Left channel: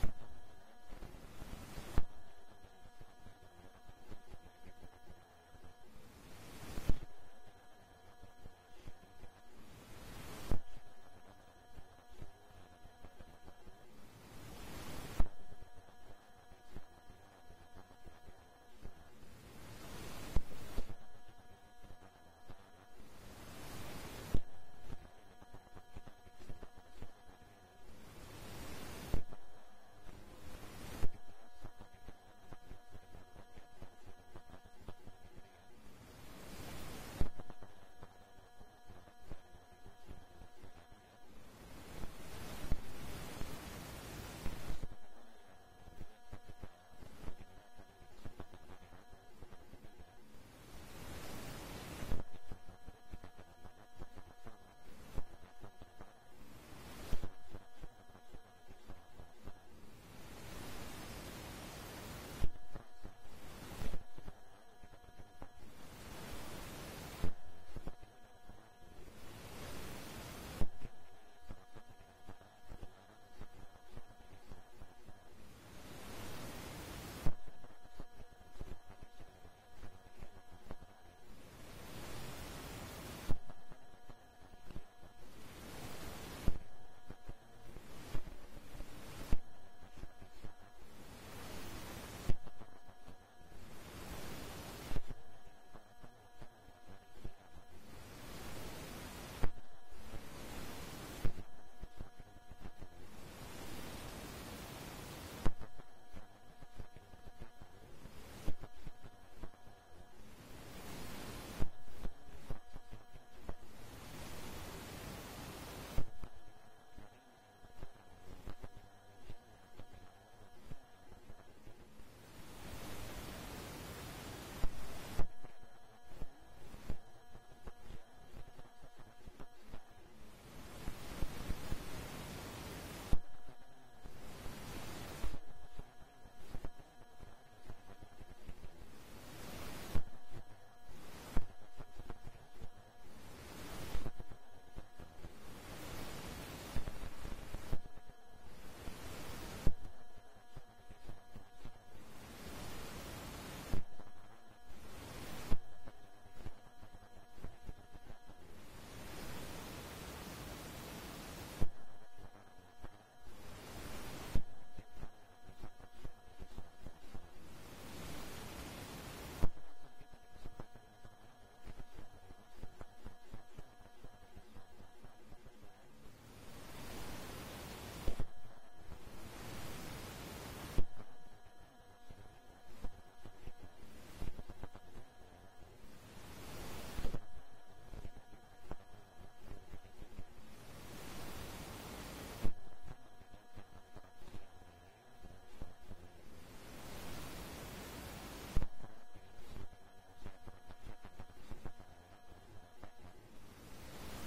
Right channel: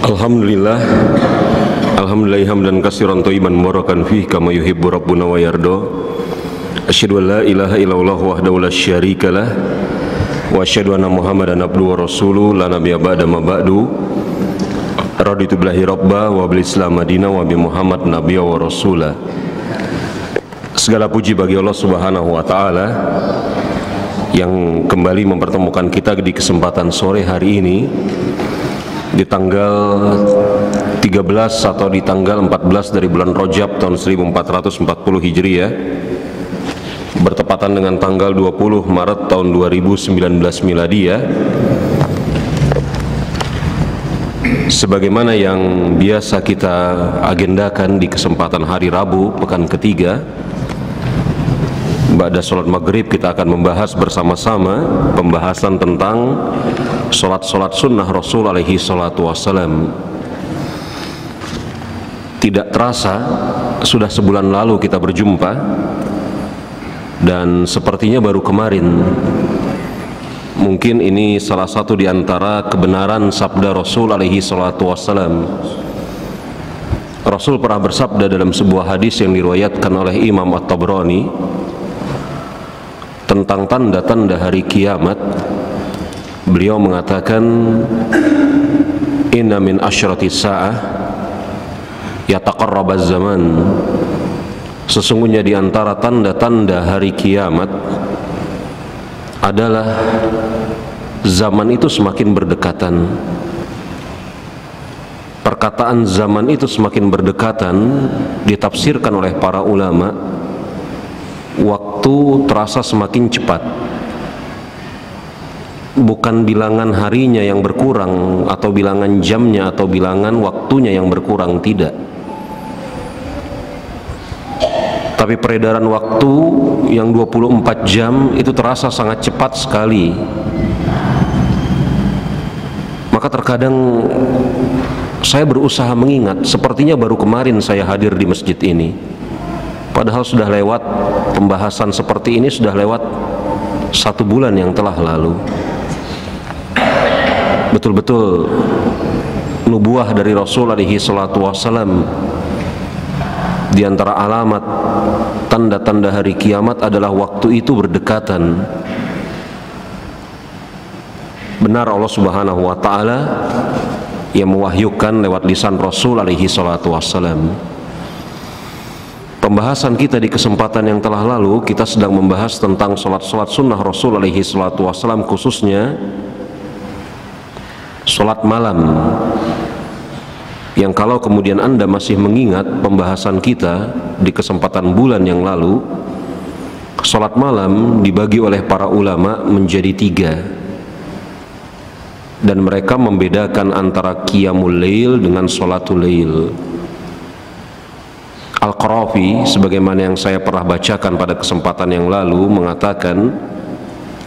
Alhamdulillah, alhamdulillah hamdan katsiran thayyiban mubarakan fihi kama yuhibbu rabbuna wa yarda. Asyhadu an la ilaha illallah wahdahu la syarikalah wa asyhadu anna Muhammadan abduhu wa rasuluhu la nabiyya ba'da ma ba'du. Raditu billahi rabba wa bil Islam madina wa bi Muhammad nabiyya wa rasula. Segala puji bagi Allah Subhanahu wa taala yang kembali mempertemukan kita di kesempatan sore hari ini di tanggal 13 atau di tanggal 14 dari bulan Rajab tahun 1440 Hijriah, bertepatan dengan tanggal 20 Maret tahun 2019 Miladiyah. Sebagaimana yang biasa kita agendakan di kesempatan hari Rabu pekan ketiga, ba'da sholat maghrib kita akan membahas bersama-sama pembahasan tentang sholat-sholat sunnah Rasul alaihi salatu wassalam. Tidak terasa sudah sebulan lalu kita berjumpa, dan sepertinya baru kemarin. Mungkin ini salah satu di antara kebenaran sabda Rasul alaihi salatu wassalam. Rasul pernah bersabda dalam sebuah hadis yang diriwayatkan oleh Imam At-Tabrani tentang tanda-tanda hari kiamat. Beliau mengatakan, inna min asyratis sa'ah yataqarrabaz zaman. Sesungguhnya di antara tanda-tanda hari kiamat adalah zaman itu semakin berdekatan. Perkataan zaman itu semakin berdekatan ditafsirkan oleh para ulama, waktu terasa semakin cepat. Bukan bilangan harinya yang berkurang, atau bilangan jamnya, atau bilangan waktunya yang berkurang, tidak. Tapi peredaran waktu yang 24 jam itu terasa sangat cepat sekali. Maka terkadang saya berusaha mengingat, sepertinya baru kemarin saya hadir di masjid ini. Padahal sudah lewat pembahasan seperti ini, sudah lewat 1 bulan yang telah lalu. Betul-betul nubuah dari Rasul alaihi salatu wassalam, di antara alamat tanda-tanda hari kiamat adalah waktu itu berdekatan. Benar Allah Subhanahu wa taala yang mewahyukan lewat lisan Rasul alaihi salatu wassalam. Pembahasan kita di kesempatan yang telah lalu, kita sedang membahas tentang sholat-sholat sunnah Rasul alaihi salatu wassalam, khususnya sholat malam. Yang kalau kemudian Anda masih mengingat pembahasan kita di kesempatan bulan yang lalu, sholat malam dibagi oleh para ulama menjadi 3, dan mereka membedakan antara qiyamul lail dengan sholatul lail. Al-Qarafi, sebagaimana yang saya pernah bacakan pada kesempatan yang lalu, mengatakan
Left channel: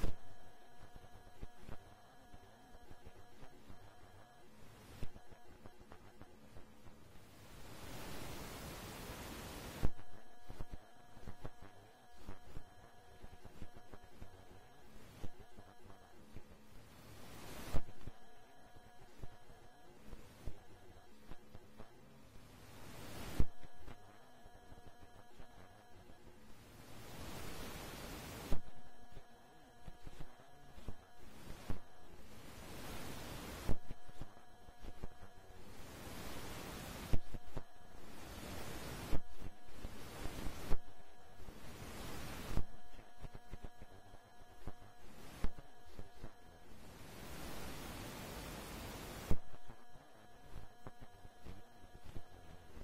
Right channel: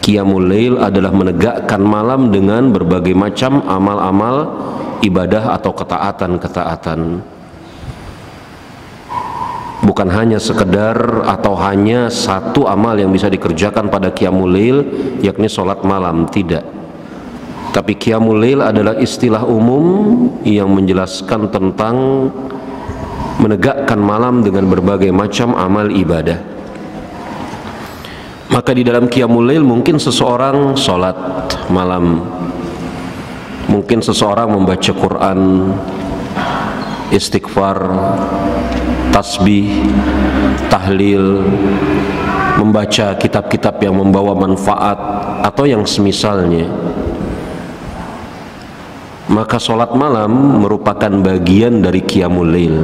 qiyamul lail adalah menegakkan malam dengan berbagai macam amal-amal ibadah atau ketaatan-ketaatan. Bukan hanya sekedar atau hanya satu amal yang bisa dikerjakan pada qiyamul lail, yakni sholat malam, tidak. Tapi qiyamul lail adalah istilah umum yang menjelaskan tentang menegakkan malam dengan berbagai macam amal ibadah. Maka di dalam qiyamul lail mungkin seseorang sholat malam, mungkin seseorang membaca Quran, istighfar, tasbih, tahlil, membaca kitab-kitab yang membawa manfaat atau yang semisalnya. Maka sholat malam merupakan bagian dari qiyamul lail.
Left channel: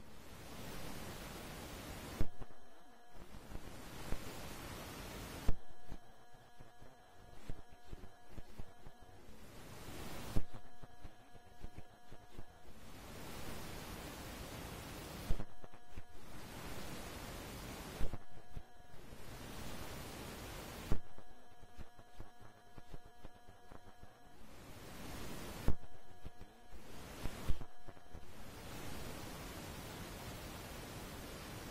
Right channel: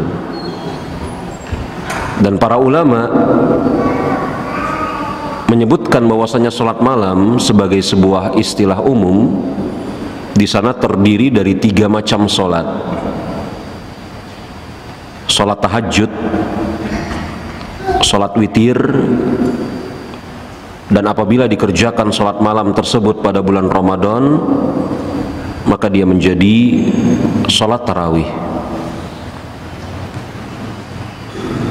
Dan para ulama menyebutkan bahwasanya sholat malam sebagai sebuah istilah umum, di sana terdiri dari 3 macam sholat. Sholat tahajud, sholat witir, dan apabila dikerjakan sholat malam tersebut pada bulan Ramadan, maka dia menjadi sholat tarawih.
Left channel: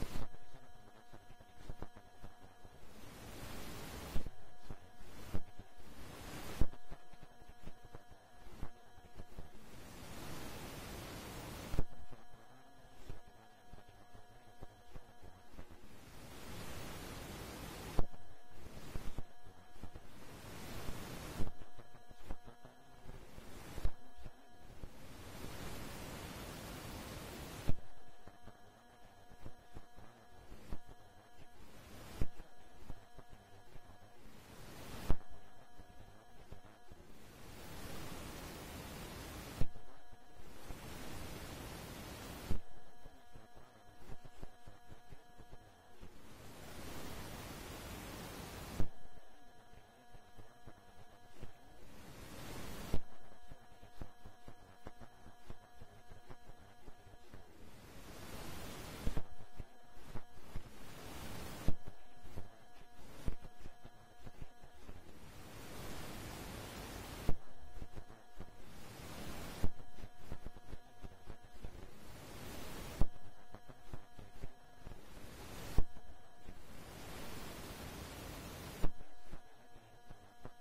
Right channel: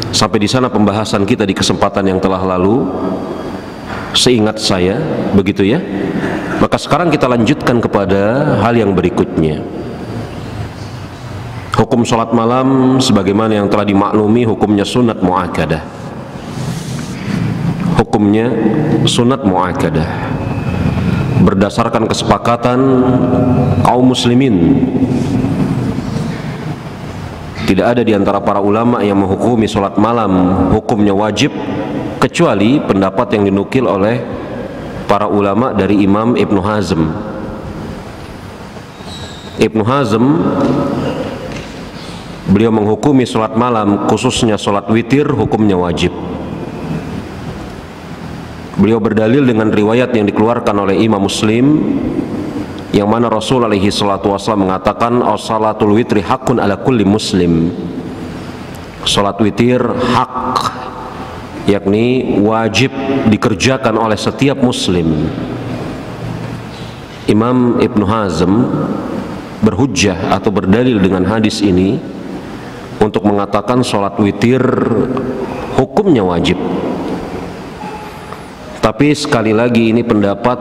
Sampai di sana pembahasan kita di kesempatan yang telah lalu, seingat saya, begitu ya. Maka sekarang kita lanjutkan kepada hal yang berikutnya. Hukum sholat malam sebagaimana yang telah dimaklumi, hukumnya sunat muakkadah. Hukumnya sunat muakkadah berdasarkan kesepakatan kaum muslimin. Tidak ada di antara para ulama yang menghukumi sholat malam hukumnya wajib, kecuali pendapat yang dinukil oleh para ulama dari Imam Ibnu Hazm. Ibnu Hazm, beliau menghukumi sholat malam, khususnya sholat witir, hukumnya wajib. Beliau berdalil dengan riwayat yang dikeluarkan oleh Imam Muslim, yang mana Rasul alaihi salatu wassalam mengatakan, as-salatul witri haqqun ala kulli muslim. Sholat witir hak, yakni wajib dikerjakan oleh setiap muslim. Imam Ibnu Hazm berhujjah atau berdalil dengan hadis ini untuk mengatakan sholat witir hukumnya wajib. Tapi sekali lagi ini pendapat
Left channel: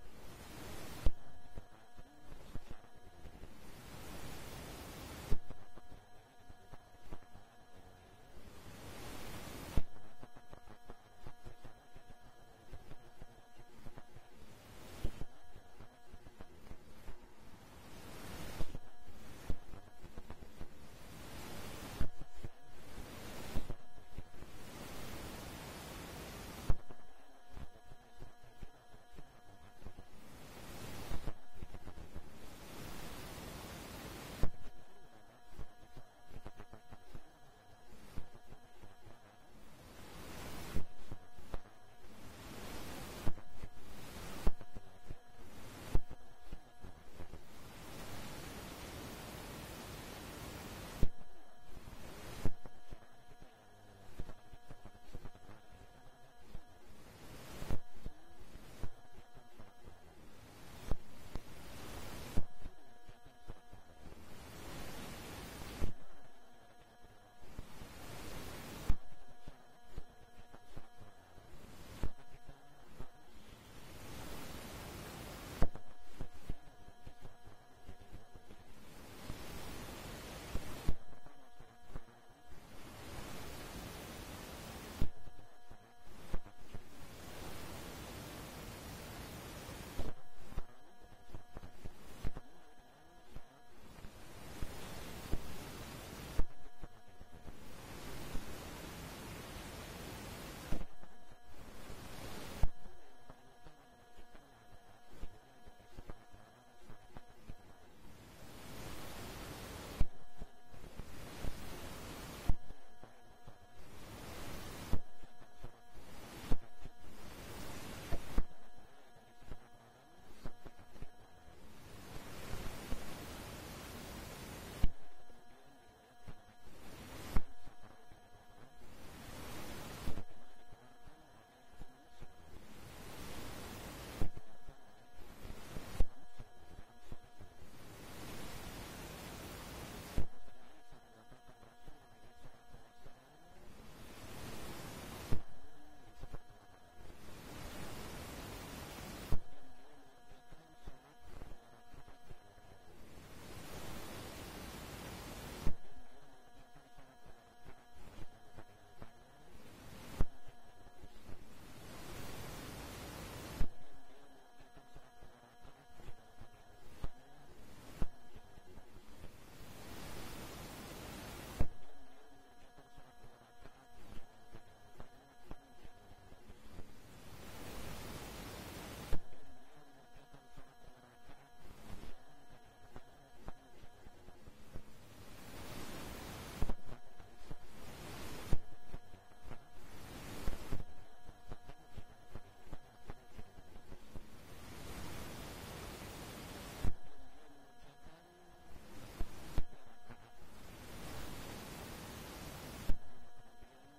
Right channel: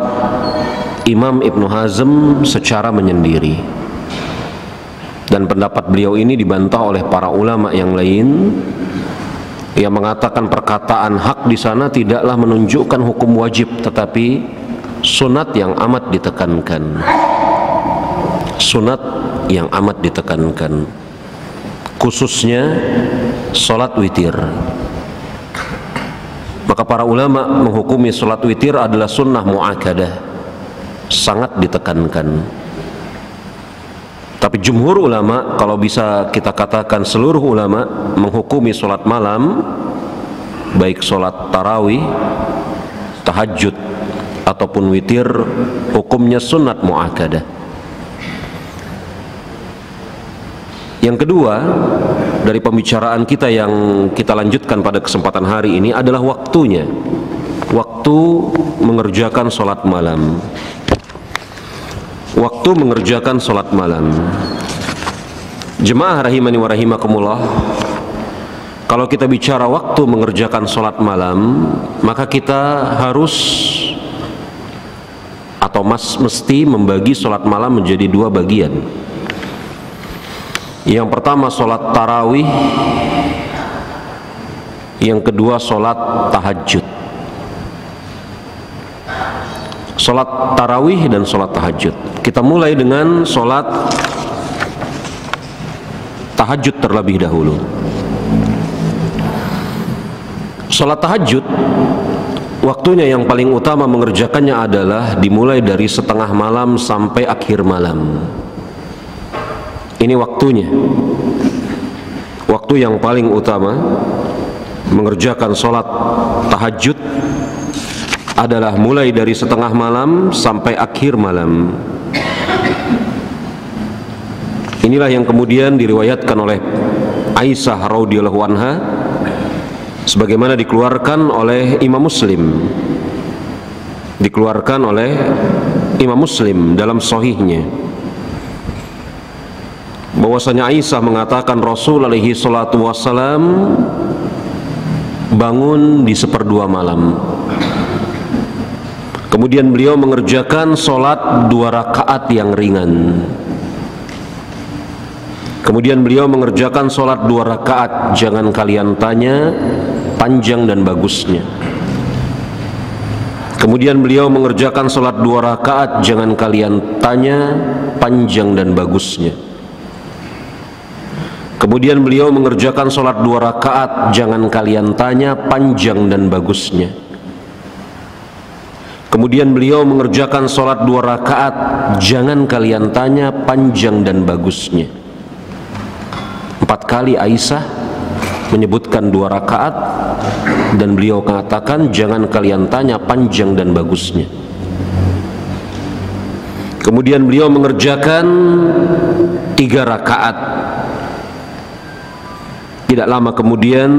Imam Ibnu Hazm secara menyendiri, dan pendapat beliau ini dibantah oleh para ulama yang lain yang mengatakan perkataan hak di sana tidaklah menunjukkan hukum wajib, tetapi sunat yang amat ditekankan. Sunat yang amat ditekankan, khususnya sholat witir. Maka para ulama menghukumi sholat witir adalah sunnah muakkadah, sangat ditekankan. Tapi jumhur ulama, kalau bisa kita katakan seluruh ulama, menghukumi sholat malam, baik sholat tarawih, tahajud ataupun witir, hukumnya sunat muakkadah. Yang kedua dari pembicaraan kita yang kita lanjutkan pada kesempatan hari ini adalah waktunya. Waktu mengerjakan sholat malam. Waktu mengerjakan sholat malam. Jemaah rahimani wa rahimakumullah, kalau kita bicara waktu mengerjakan sholat malam, maka kita harus atau mesti membagi sholat malam menjadi dua bagian. Yang pertama sholat tarawih, yang kedua sholat tahajud. Sholat tarawih dan sholat tahajud. Kita mulai dengan sholat tahajud terlebih dahulu. Sholat tahajud, waktunya yang paling utama mengerjakannya adalah dimulai dari setengah malam sampai akhir malam. Ini waktunya. Waktu yang paling utama mengerjakan sholat tahajud adalah mulai dari setengah malam sampai akhir malam. Inilah yang kemudian diriwayatkan oleh Aisyah radhiyallahu anha, sebagaimana dikeluarkan oleh Imam Muslim. Dikeluarkan oleh Imam Muslim dalam sahihnya, bahwasanya Aisyah mengatakan Rasul alaihi salatu wassalam bangun di seperdua malam. Kemudian beliau mengerjakan sholat 2 rakaat yang ringan. Kemudian beliau mengerjakan sholat 2 rakaat, jangan kalian tanya panjang dan bagusnya. Kemudian beliau mengerjakan sholat 2 rakaat, jangan kalian tanya panjang dan bagusnya. Kemudian beliau mengerjakan sholat 2 rakaat, jangan kalian tanya panjang dan bagusnya. Kemudian beliau mengerjakan sholat 2 rakaat, jangan kalian tanya panjang dan bagusnya. 4 kali Aisyah menyebutkan 2 rakaat, dan beliau katakan jangan kalian tanya panjang dan bagusnya. Kemudian beliau mengerjakan 3 rakaat. Tidak lama kemudian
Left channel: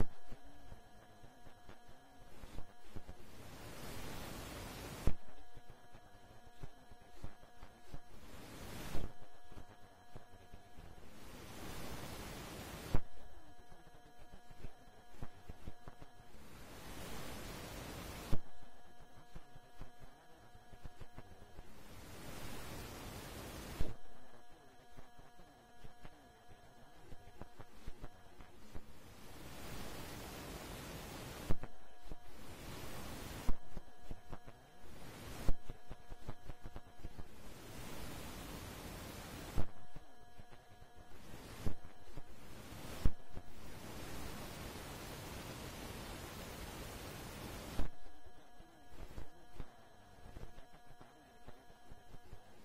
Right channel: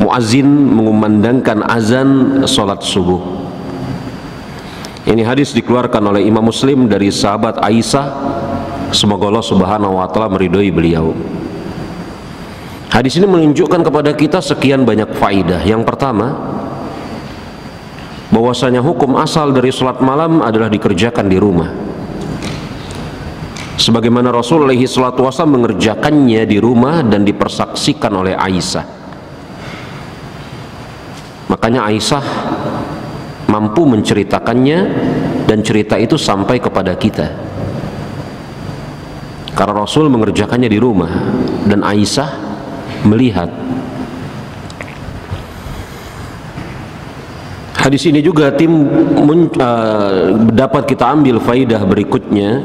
muazin mengumandangkan azan sholat subuh. Ini hadis dikeluarkan oleh Imam Muslim dari sahabat Aisyah, semoga Allah subhanahu wa ta'ala meridhoi beliau. Hadis ini menunjukkan kepada kita sekian banyak faidah. Yang pertama, bahwasanya hukum asal dari sholat malam adalah dikerjakan di rumah, sebagaimana Rasul alaihi salatu wasallam mengerjakannya di rumah dan dipersaksikan oleh Aisyah. Makanya Aisyah mampu menceritakannya dan cerita itu sampai kepada kita karena Rasul mengerjakannya di rumah dan Aisyah melihat. Hadis ini juga dapat kita ambil faidah berikutnya,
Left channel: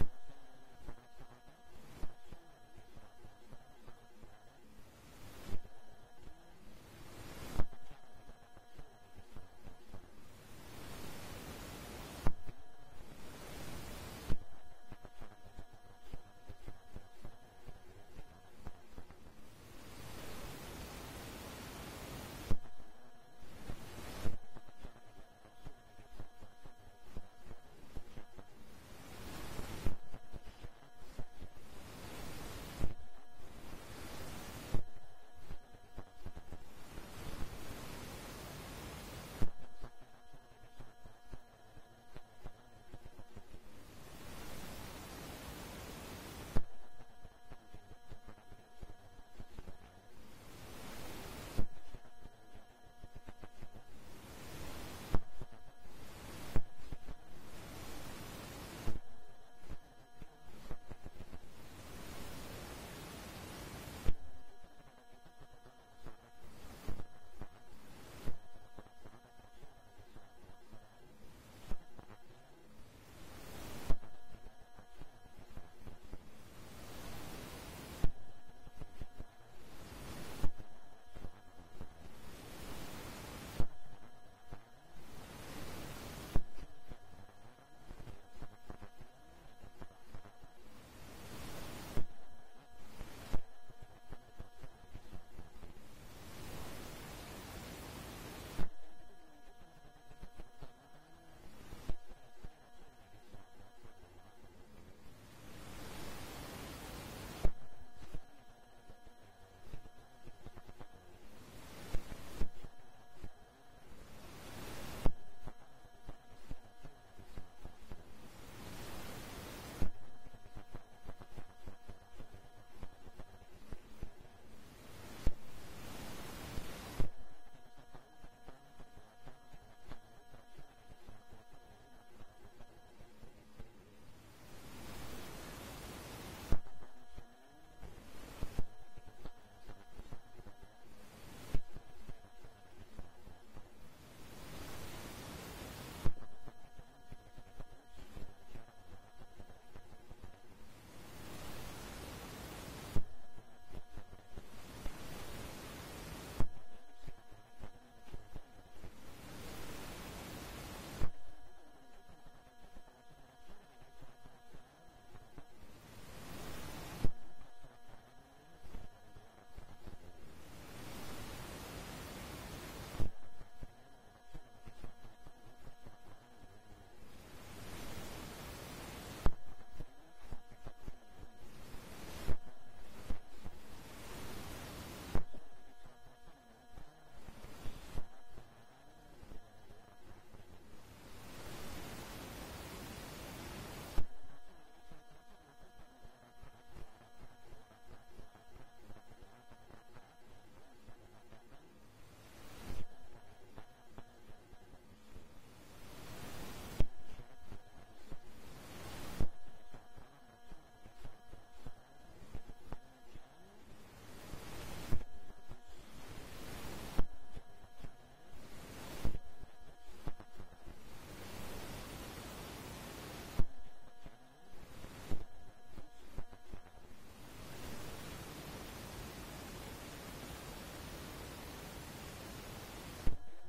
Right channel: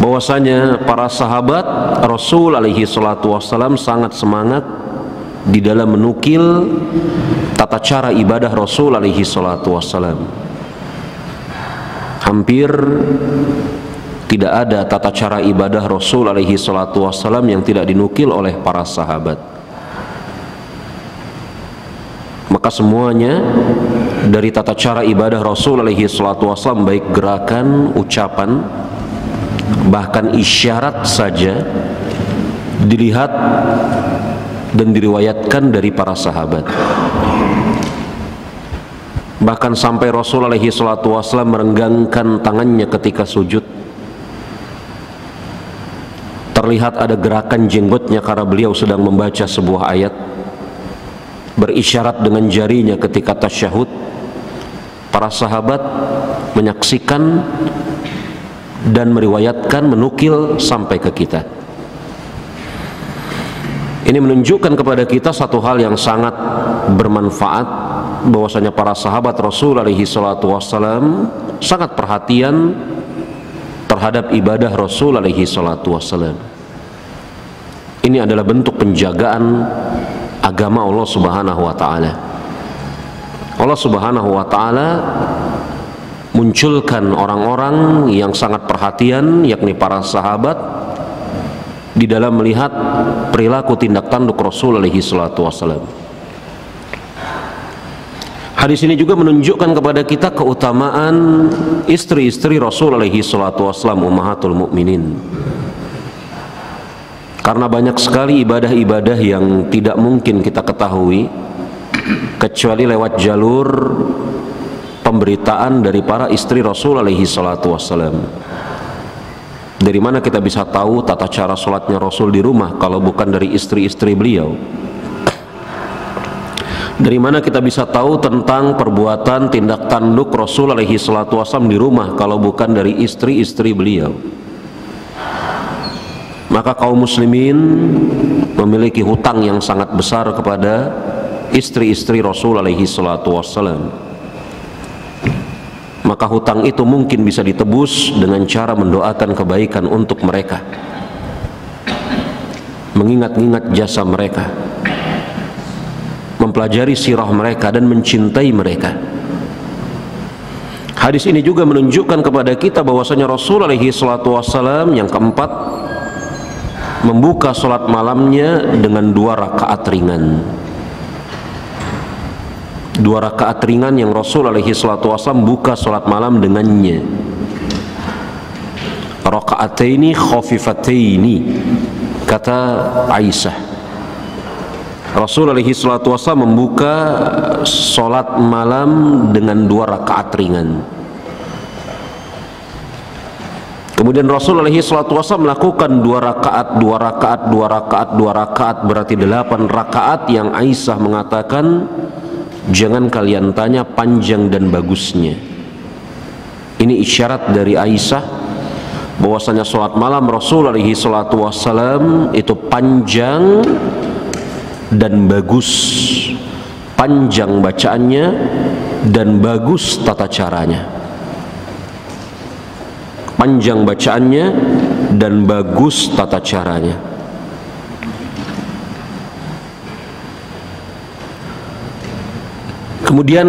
bahwasanya para sahabat Rasul alaihi salatu wassalam sangat semangat di dalam menukil tata cara ibadah Rasul alaihi salatu wassalam. Hampir tidak ada tata cara ibadah Rasul alaihi salatu wassalam yang tidak dinukil oleh para sahabat. Maka semuanya dari tata cara ibadah Rasul alaihi salatu wassalam, baik gerakan, ucapan, bahkan isyarat saja dilihat dan diriwayatkan dari para sahabat. Bahkan sampai Rasul alaihi salatu wassalam merenggangkan tangannya ketika sujud. Terlihat ada gerakan jenggotnya karena beliau sedang membaca sebuah ayat. Berisyarat dengan jarinya ketika tasyahud. Para sahabat menyaksikan dan meriwayatkan, menukil sampai ke kita. Ini menunjukkan kepada kita satu hal yang sangat bermanfaat, bahwasanya para sahabat Rasul alaihi salatu wassalam sangat perhatian terhadap ibadah Rasul alaihi salatu wassalam. Ini adalah bentuk penjagaan agama Allah subhanahu wa ta'ala. Allah subhanahu wa ta'ala munculkan orang-orang yang sangat perhatian, yakni para sahabat, di dalam melihat perilaku tindak tanduk Rasul alaihi salatu wassalam. Hadis ini juga menunjukkan kepada kita keutamaan istri-istri Rasul alaihi salatu wassalam, ummahatul mukminin. Karena banyak sekali ibadah-ibadah yang tidak mungkin kita ketahui kecuali lewat jalur pemberitaan dari para istri Rasul alaihi salatu wassalam. Dari mana kita bisa tahu tata cara sholatnya Rasul di rumah kalau bukan dari istri-istri beliau? Dari mana kita bisa tahu tentang perbuatan tindak tanduk Rasul alaihi salatu wassalam di rumah kalau bukan dari istri-istri beliau? Maka kaum muslimin memiliki hutang yang sangat besar kepada istri-istri Rasul alaihi salatu wassalam. Maka hutang itu mungkin bisa ditebus dengan cara mendoakan kebaikan untuk mereka, mengingat-ingat jasa mereka, mempelajari sirah mereka dan mencintai mereka. Hadis ini juga menunjukkan kepada kita bahwasanya Rasul alaihi salatu wassalam yang keempat membuka sholat malamnya dengan 2 rakaat ringan. 2 rakaat ringan yang Rasul alaihi salatu wassalam buka sholat malam dengannya. Rakaataini khafifataini, kata Aisyah. Rasul alaihi salatu wassalam membuka sholat malam dengan 2 rakaat ringan. Kemudian Rasul alaihi salatu wassalam melakukan 2 rakaat, 2 rakaat, 2 rakaat, 2 rakaat, berarti 8 rakaat yang Aisyah mengatakan, jangan kalian tanya panjang dan bagusnya. Ini isyarat dari Aisyah bahwasanya sholat malam Rasul alaihi salatu wassalam itu panjang dan bagus. Panjang bacaannya dan bagus tata caranya. Panjang bacaannya dan bagus tata caranya. Kemudian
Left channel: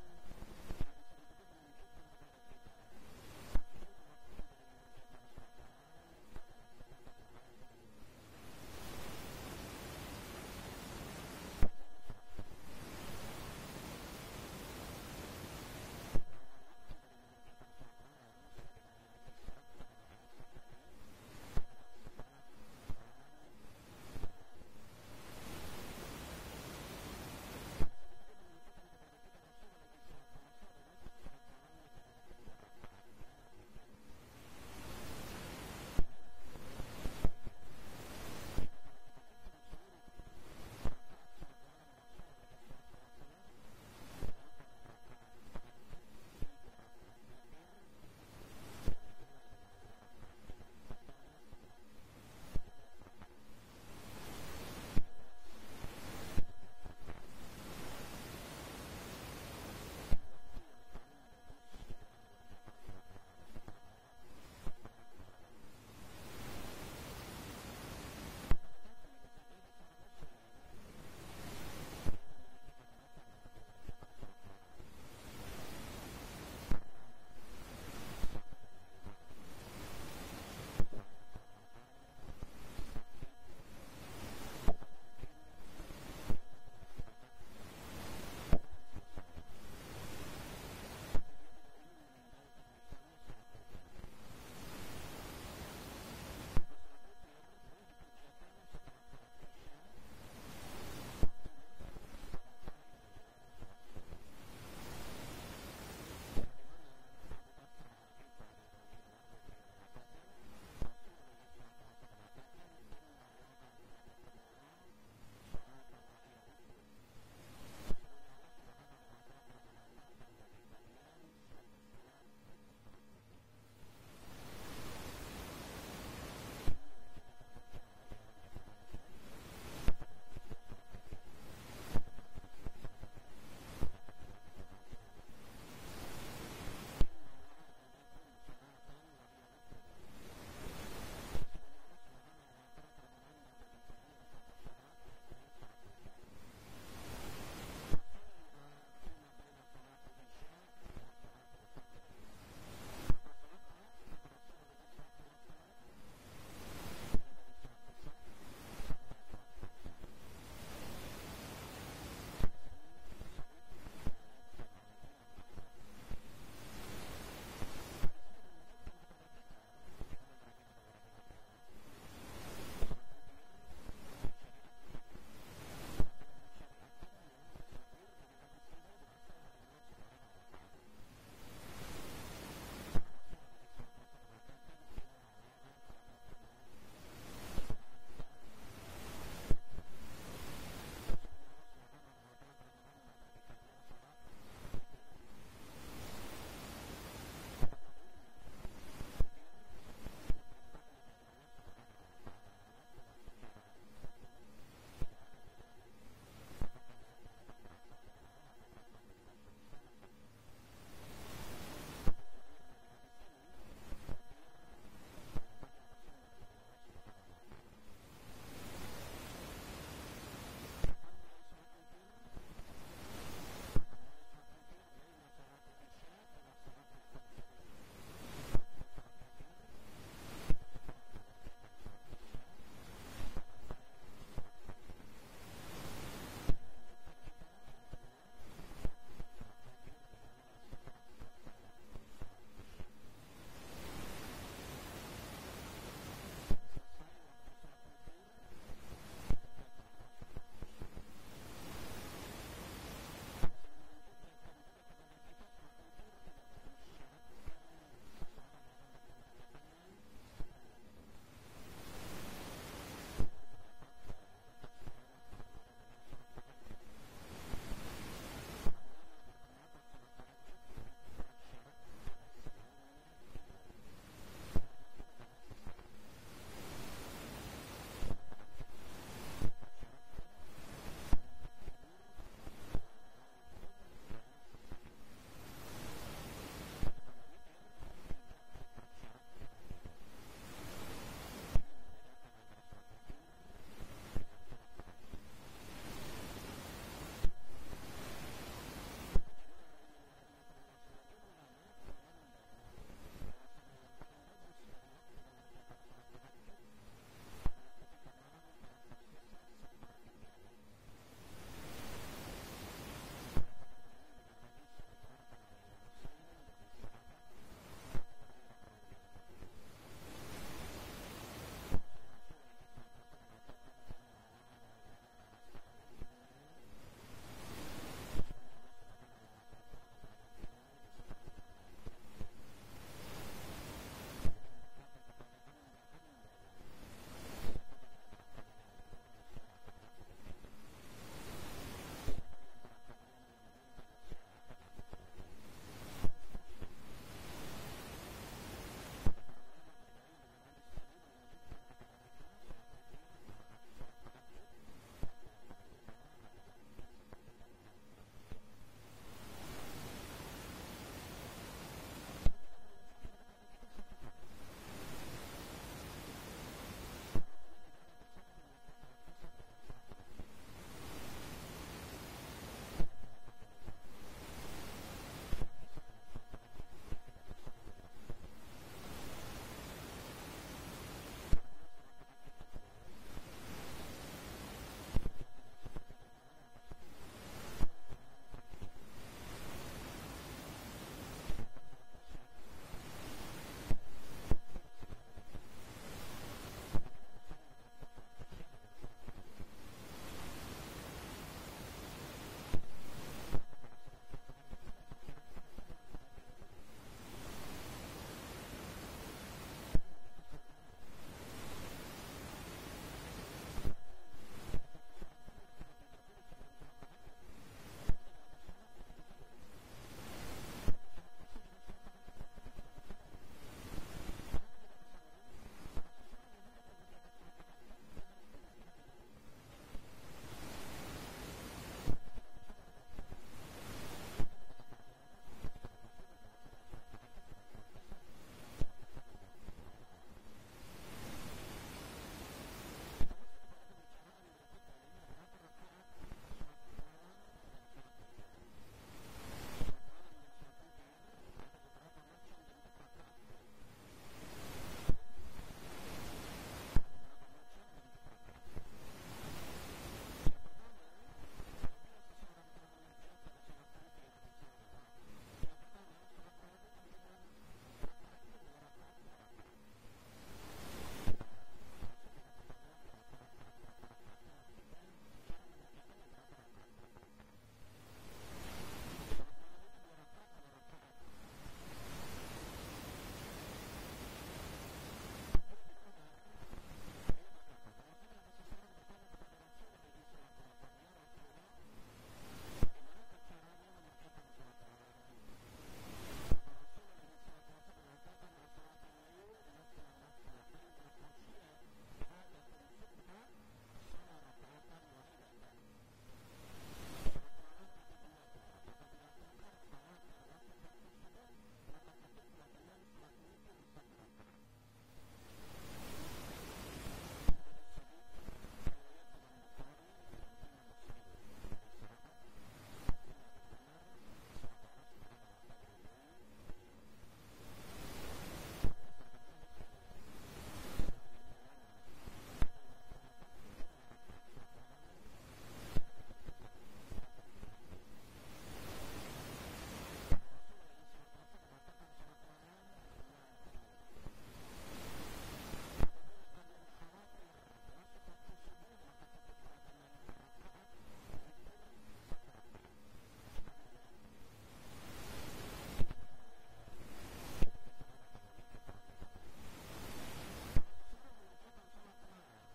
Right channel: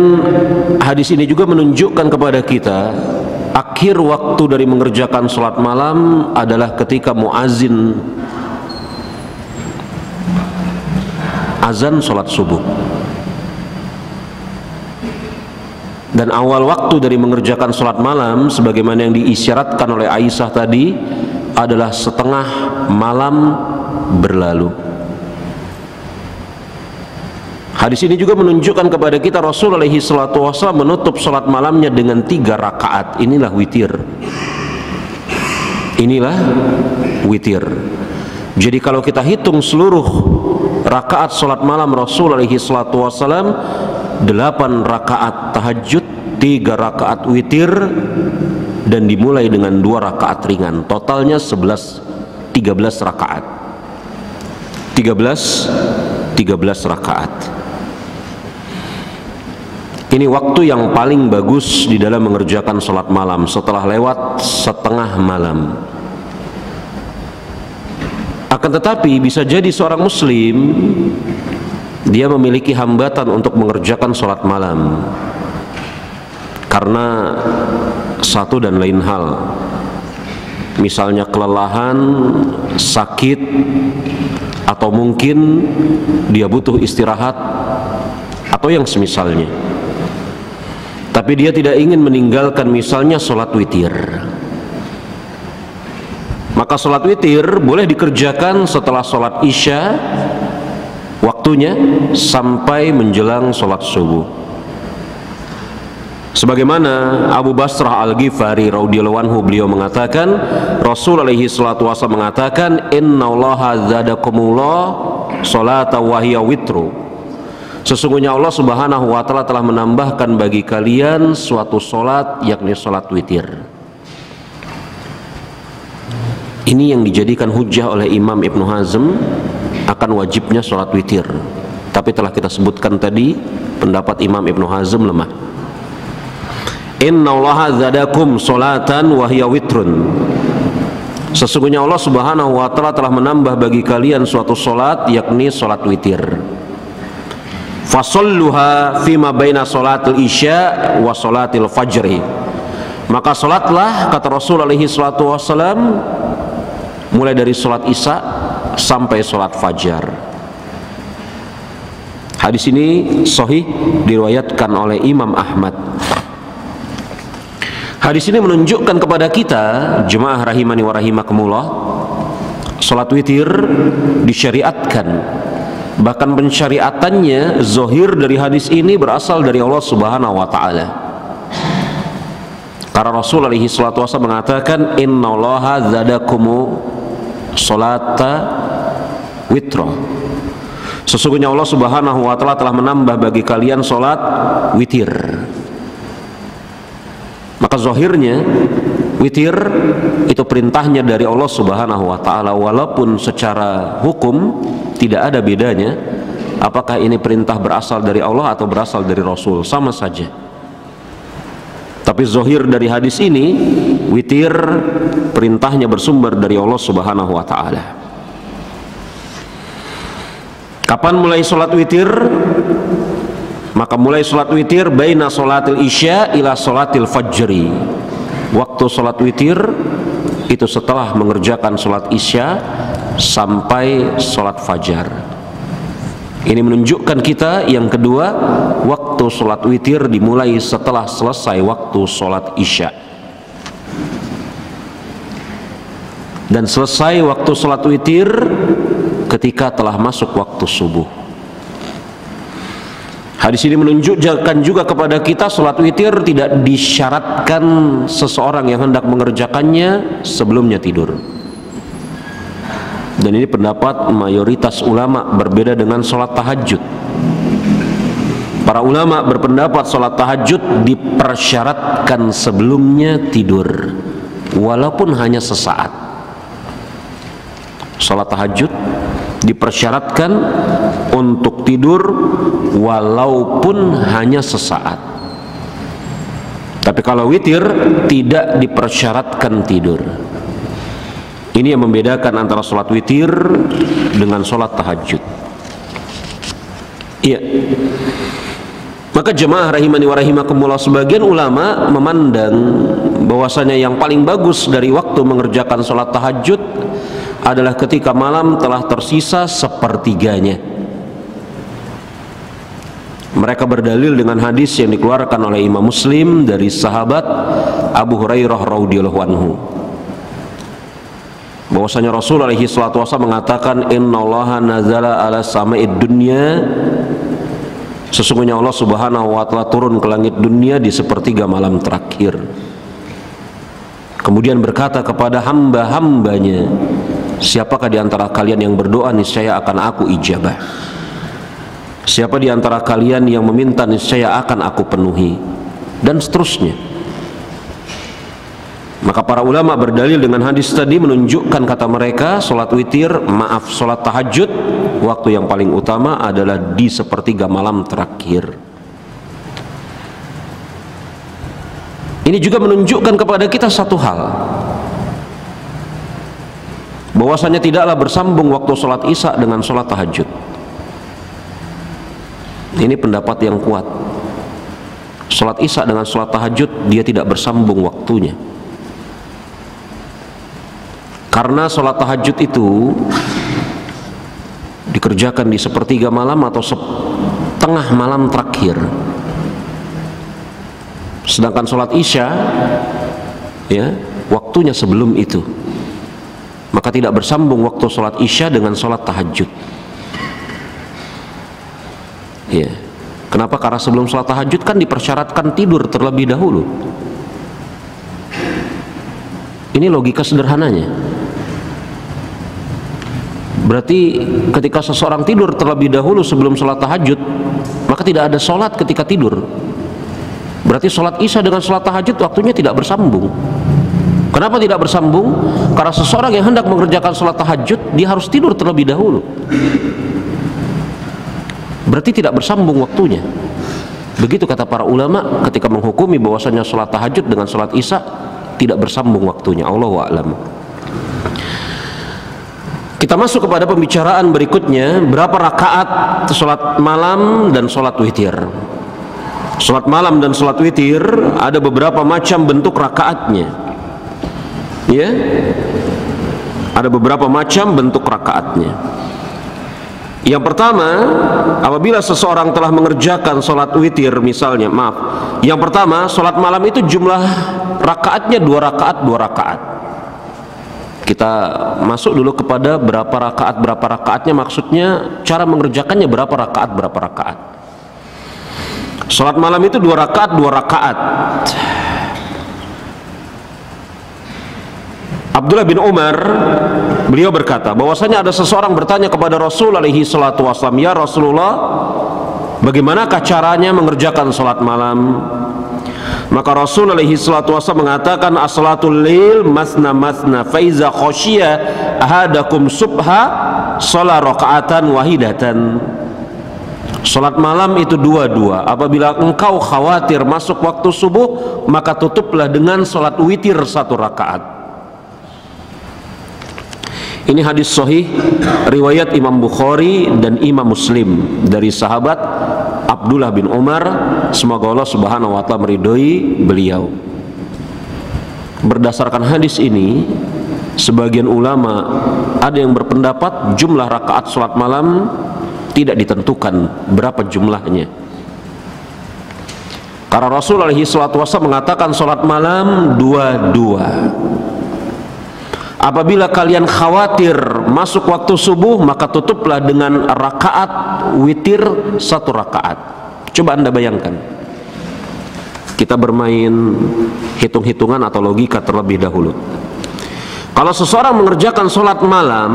hadis ini juga menunjukkan kepada kita akhir waktu dari mengerjakan sholat malam adalah ketika muazin azan sholat subuh. Dan awal waktu dari mengerjakan sholat malam sebagaimana yang diisyaratkan oleh Aisyah tadi adalah setengah malam berlalu. Hadis ini juga menunjukkan kepada kita Rasul alaihi salatu wasallam menutup salat malamnya dengan 3 rakaat. Inilah witir. Inilah witir. Jadi kalau kita hitung seluruh rakaat salat malam Rasul alaihi salatu wasallam, 8 rakaat tahajud, 3 rakaat witir, dan dimulai dengan 2 rakaat ringan. Totalnya 13 rakaat. 13 rakaat. Ini waktu yang paling bagus di dalam mengerjakan sholat malam setelah lewat setengah malam. Akan tetapi bisa jadi seorang muslim dia memiliki hambatan untuk mengerjakan sholat malam karena satu dan lain hal. Misalnya kelelahan, sakit, atau mungkin dia butuh istirahat atau yang semisalnya. Tapi dia tidak ingin meninggalkan misalnya sholat witir. Maka sholat witir boleh dikerjakan setelah sholat isya waktunya sampai menjelang sholat subuh. Sebagaimana Abu Basrah Al-Ghifari radhiyallahu anhu, beliau mengatakan, Rasul alaihi salatu wasallam mengatakan, innallaha zadakumullah sholata wa hiya witru. Sesungguhnya Allah Subhanahu wa taala telah menambahkan bagi kalian suatu solat, yakni solat witir. Ini yang dijadikan hujjah oleh Imam Ibnu Hazm akan wajibnya solat witir. Tapi telah kita sebutkan tadi pendapat Imam Ibnu Hazm lemah. Innallaha zadakum solatan wa hiya witrun. Sesungguhnya Allah Subhanahu wa taala telah menambah bagi kalian suatu solat, yakni solat witir. Fasalluha fima baina salatil isya wa salatil fajri. Maka salatlah, kata Rasul alaihi salatu wassalam, mulai dari salat isya sampai salat fajar. Hadis ini sahih diriwayatkan oleh Imam Ahmad. Hadis ini menunjukkan kepada kita, jemaah rahimani wa rahimakumullah, salat witir disyariatkan. Bahkan pensyariatannya zahir dari hadis ini berasal dari Allah Subhanahu wa taala. Karena Rasul alaihi salatu wasallam mengatakan, innallaha zadakumu sholata witra. Sesungguhnya Allah Subhanahu wa taala telah menambah bagi kalian salat witir. Maka zahirnya witir itu perintahnya dari Allah Subhanahu wa taala, walaupun secara hukum tidak ada bedanya apakah ini perintah berasal dari Allah atau berasal dari Rasul, sama saja. Tapi zahir dari hadis ini, witir perintahnya bersumber dari Allah Subhanahu wa taala. Kapan mulai sholat witir? Maka mulai sholat witir baina sholatil isya ila sholatil fajri. Waktu sholat witir itu setelah mengerjakan sholat isya sampai sholat fajar. Ini menunjukkan kita yang kedua, waktu sholat witir dimulai setelah selesai waktu sholat isya, dan selesai waktu sholat witir ketika telah masuk waktu subuh. Hadis ini menunjukkan juga kepada kita sholat witir tidak disyaratkan seseorang yang hendak mengerjakannya sebelumnya tidur. Dan ini pendapat mayoritas ulama, berbeda dengan sholat tahajud. Para ulama berpendapat sholat tahajud dipersyaratkan sebelumnya tidur, walaupun hanya sesaat. Sholat tahajud dipersyaratkan untuk tidur walaupun hanya sesaat. Tapi kalau witir tidak dipersyaratkan tidur. Ini yang membedakan antara sholat witir dengan sholat tahajud. Iya. Maka jemaah rahimani wa rahimakumullah, sebagian ulama memandang bahwasanya yang paling bagus dari waktu mengerjakan sholat tahajud adalah ketika malam telah tersisa sepertiganya. Mereka berdalil dengan hadis yang dikeluarkan oleh Imam Muslim dari sahabat Abu Hurairah radhiyallahu anhu, bahwasanya Rasul alaihi salatu wasallam mengatakan, innallaha nazala ala sama'id dunya Sesungguhnya Allah Subhanahu wa Ta'ala turun ke langit dunia di sepertiga malam terakhir. Kemudian berkata kepada hamba-hambanya, siapakah di antara kalian yang berdoa, niscaya akan aku ijabah. Siapa di antara kalian yang meminta, niscaya akan aku penuhi. Dan seterusnya. Maka para ulama berdalil dengan hadis tadi menunjukkan, kata mereka, sholat witir, sholat tahajud, waktu yang paling utama adalah di sepertiga malam terakhir. Ini juga menunjukkan kepada kita satu hal, bahwasanya tidaklah bersambung waktu sholat isya dengan sholat tahajud. Ini pendapat yang kuat. Sholat isya dengan sholat tahajud dia tidak bersambung waktunya. Karena sholat tahajud itu dikerjakan di sepertiga malam atau setengah malam terakhir. Sedangkan sholat isya, ya, waktunya sebelum itu. Maka tidak bersambung waktu sholat isya dengan sholat tahajud. Ya. Kenapa? Karena sebelum sholat tahajud kan dipersyaratkan tidur terlebih dahulu. Ini logika sederhananya. Berarti ketika seseorang tidur terlebih dahulu sebelum sholat tahajud, maka tidak ada sholat ketika tidur. Berarti sholat isya dengan sholat tahajud waktunya tidak bersambung. Kenapa tidak bersambung? Karena seseorang yang hendak mengerjakan sholat tahajud, dia harus tidur terlebih dahulu. Berarti tidak bersambung waktunya. Begitu kata para ulama ketika menghukumi bahwasanya sholat tahajud dengan sholat isya tidak bersambung waktunya. Allahu a'lam. Kita masuk kepada pembicaraan berikutnya, berapa rakaat sholat malam dan sholat witir. Sholat malam dan sholat witir ada beberapa macam bentuk rakaatnya, ya, ada beberapa macam bentuk rakaatnya. Yang pertama, apabila seseorang telah mengerjakan sholat witir misalnya, yang pertama, sholat malam itu jumlah rakaatnya 2 rakaat 2 rakaat. Kita masuk dulu kepada berapa rakaatnya, maksudnya cara mengerjakannya berapa rakaat. Sholat malam itu 2 rakaat 2 rakaat. Abdullah bin Umar, beliau berkata bahwasanya ada seseorang bertanya kepada Rasul alaihi salatu wasallam, ya Rasulullah, bagaimanakah caranya mengerjakan sholat malam? Maka Rasul alaihi salatu wasallam mengatakan, as-salatul lail masna masna, fa iza khashiya ahadakum subha shalla raka'atan wahidatan. Salat malam itu 2-2. Apabila engkau khawatir masuk waktu subuh, maka tutuplah dengan salat witir 1 rakaat. Ini hadis sahih riwayat Imam Bukhari dan Imam Muslim dari sahabat Abdullah bin Umar, semoga Allah Subhanahu wa Ta'ala meridhoi beliau. Berdasarkan hadis ini, sebagian ulama ada yang berpendapat jumlah rakaat salat malam tidak ditentukan berapa jumlahnya. Karena Rasul alaihi salatu wasallam mengatakan salat malam 2-2. Apabila kalian khawatir masuk waktu subuh, maka tutuplah dengan rakaat witir 1 rakaat. Coba Anda bayangkan, kita bermain hitung-hitungan atau logika terlebih dahulu. Kalau seseorang mengerjakan sholat malam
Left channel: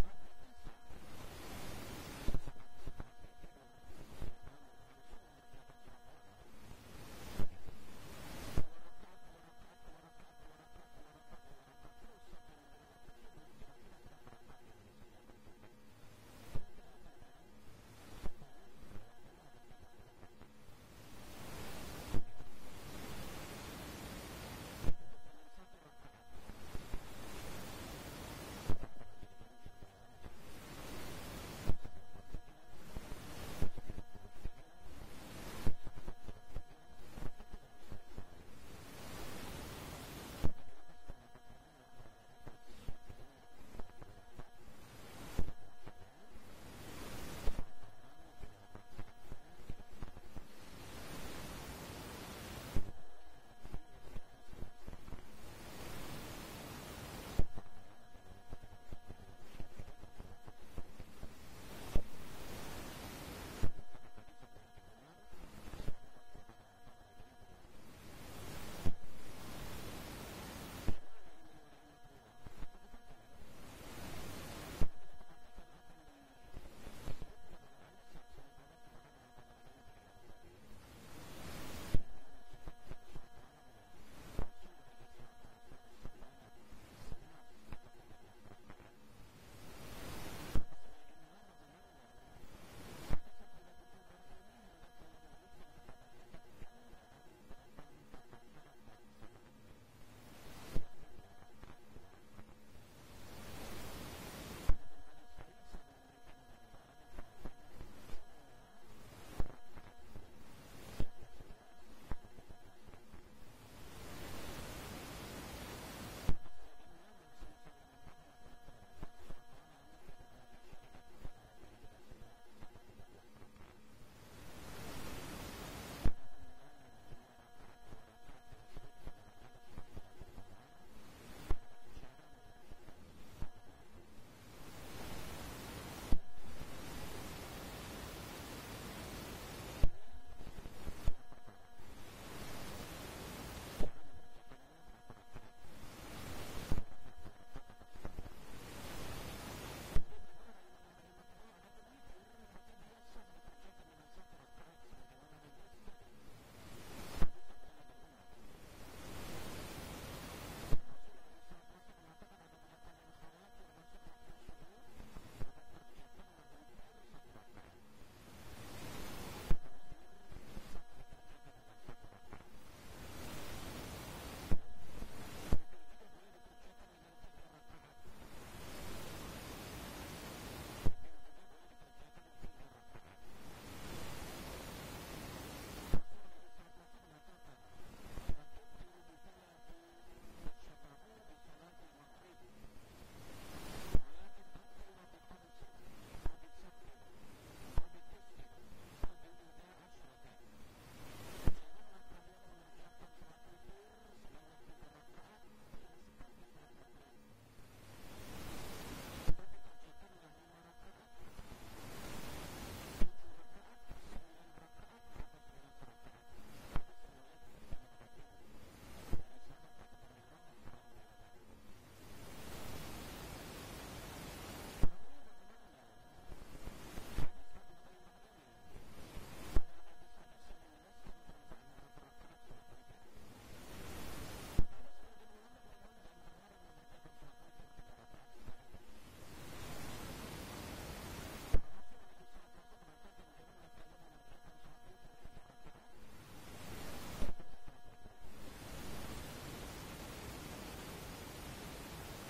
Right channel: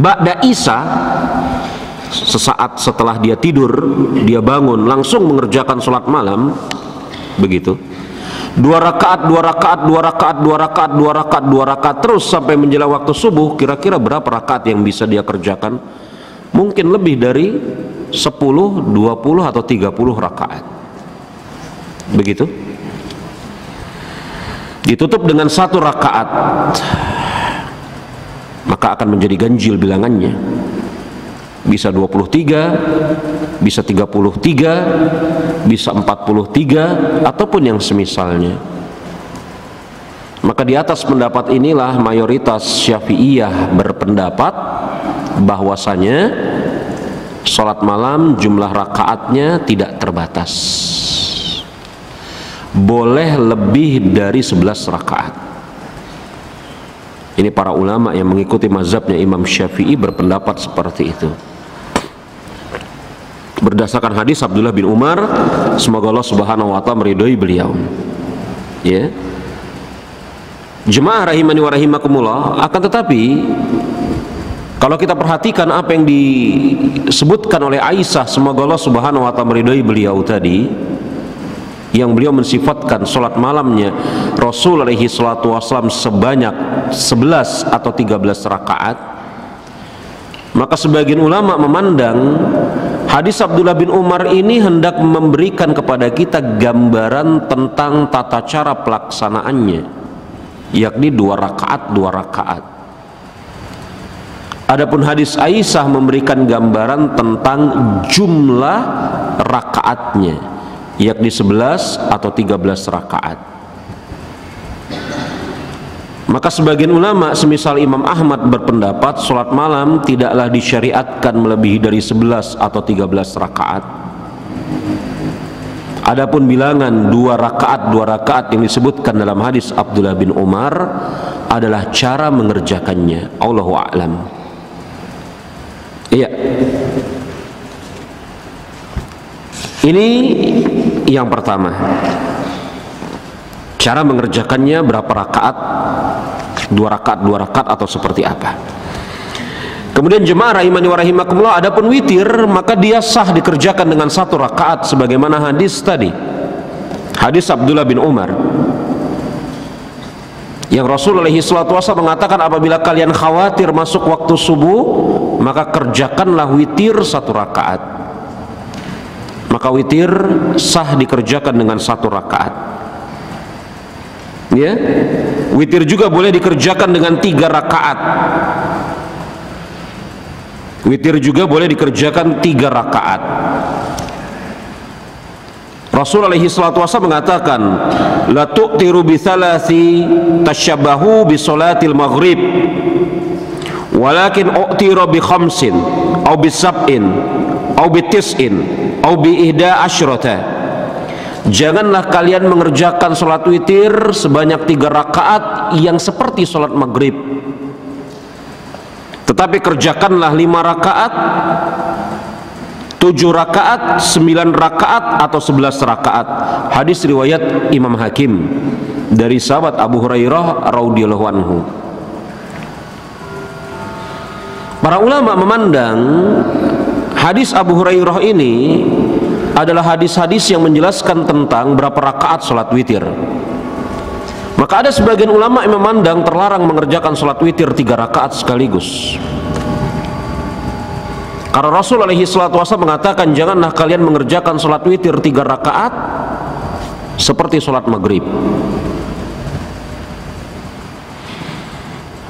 ba'da isya, sesaat setelah dia tidur, dia bangun langsung mengerjakan sholat malam, begitu, 2 rakaat, 2 rakaat, 2 rakaat, 2 rakaat, 2 rakaat, 2 rakaat terus sampai menjelang waktu subuh. Kira-kira berapa rakaat yang bisa dia kerjakan? Mungkin lebih dari 10, 20 atau 30 rakaat. Begitu. Ditutup dengan 1 rakaat, maka akan menjadi ganjil bilangannya. Bisa 23, bisa 33, bisa 43, ataupun yang semisalnya. Maka di atas pendapat inilah mayoritas Syafi'iyah berpendapat bahwasanya sholat malam jumlah rakaatnya tidak terbatas, boleh lebih dari 11 rakaat. Ini para ulama yang mengikuti mazhabnya Imam Syafi'i berpendapat seperti itu. berdasarkan hadis Abdullah bin Umar, semoga Allah Subhanahu wa taala meridhoi beliau. Ya. Jemaah rahimani wa rahimakumullah, akan tetapi kalau kita perhatikan apa yang disebutkan oleh Aisyah, semoga Allah Subhanahu wa taala meridhoi beliau tadi, yang beliau mensifatkan salat malamnya Rasul alaihi salatu wasallam sebanyak 11 atau 13 rakaat, maka sebagian ulama memandang hadis Abdullah bin Umar ini hendak memberikan kepada kita gambaran tentang tata cara pelaksanaannya, yakni 2 rakaat. Adapun hadis Aisyah memberikan gambaran tentang jumlah rakaatnya, yakni 11 atau 13 rakaat. Maka sebagian ulama semisal Imam Ahmad berpendapat sholat malam tidaklah disyariatkan melebihi dari 11 atau 13 rakaat. Adapun bilangan 2 rakaat yang disebutkan dalam hadis Abdullah bin Umar adalah cara mengerjakannya. Allahu a'lam. Iya. Ini yang pertama. Cara mengerjakannya berapa rakaat? 2 rakaat atau seperti apa? Kemudian jemaah rahimani wa rahimakumullah, adapun witir maka dia sah dikerjakan dengan 1 rakaat sebagaimana hadis tadi. Hadis Abdullah bin Umar yang Rasul alaihi salatu wasallam mengatakan, apabila kalian khawatir masuk waktu subuh, maka kerjakanlah witir 1 rakaat. Maka witir sah dikerjakan dengan 1 rakaat. Ya, witir juga boleh dikerjakan dengan 3 rakaat. Witir juga boleh dikerjakan 3 rakaat. Rasul alaihi salatu wasallam mengatakan, la tu'tiru bi thalathi tashabbahu bi salatil maghrib walakin u'tiru bi khamsin aw bi sab'in aw bi tis'in aw bi ihda asyrata. Janganlah kalian mengerjakan salat witir sebanyak 3 rakaat yang seperti salat maghrib, tetapi kerjakanlah 5 rakaat, 7 rakaat, 9 rakaat atau 11 rakaat. Hadis riwayat Imam Hakim dari sahabat Abu Hurairah radhiyallahu anhu. Para ulama memandang hadis Abu Hurairah ini adalah hadis-hadis yang menjelaskan tentang berapa rakaat salat witir. Maka ada sebagian ulama yang memandang terlarang mengerjakan salat witir 3 rakaat sekaligus. Karena Rasul alaihi salatu wasallam mengatakan, janganlah kalian mengerjakan salat witir 3 rakaat seperti salat maghrib.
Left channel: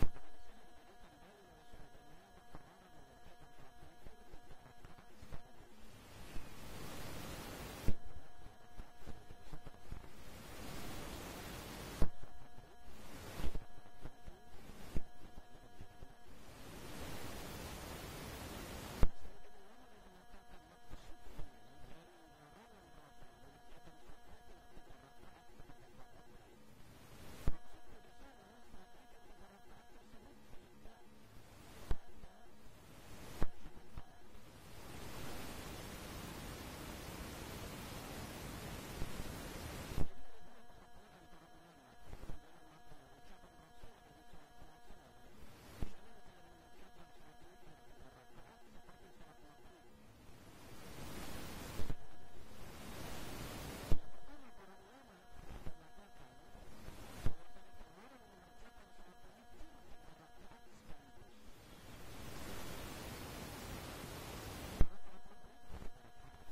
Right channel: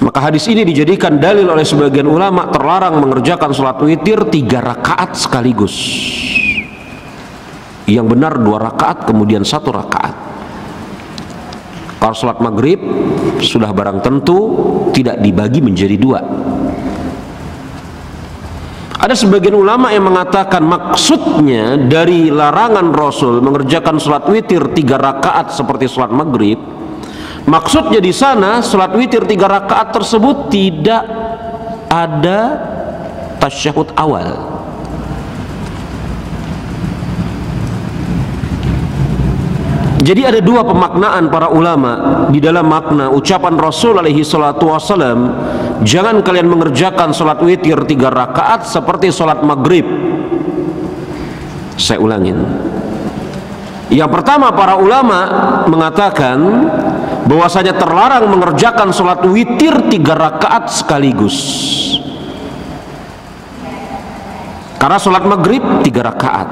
Maka hadis ini dijadikan dalil oleh sebagian ulama terlarang mengerjakan salat witir 3 rakaat sekaligus. Yang benar 2 rakaat kemudian 1 rakaat. Kalau salat maghrib sudah barang tentu tidak dibagi menjadi 2. Ada sebagian ulama yang mengatakan maksudnya dari larangan Rasul mengerjakan salat witir 3 rakaat seperti salat maghrib, maksudnya di sana salat witir 3 rakaat tersebut tidak ada tasyahud awal. Jadi ada 2 pemaknaan para ulama di dalam makna ucapan Rasul alaihi salatu wasallam, jangan kalian mengerjakan salat witir 3 rakaat seperti salat maghrib. Saya ulangin. Yang pertama, para ulama mengatakan bahwasanya terlarang mengerjakan salat witir 3 rakaat sekaligus. Karena salat maghrib 3 rakaat.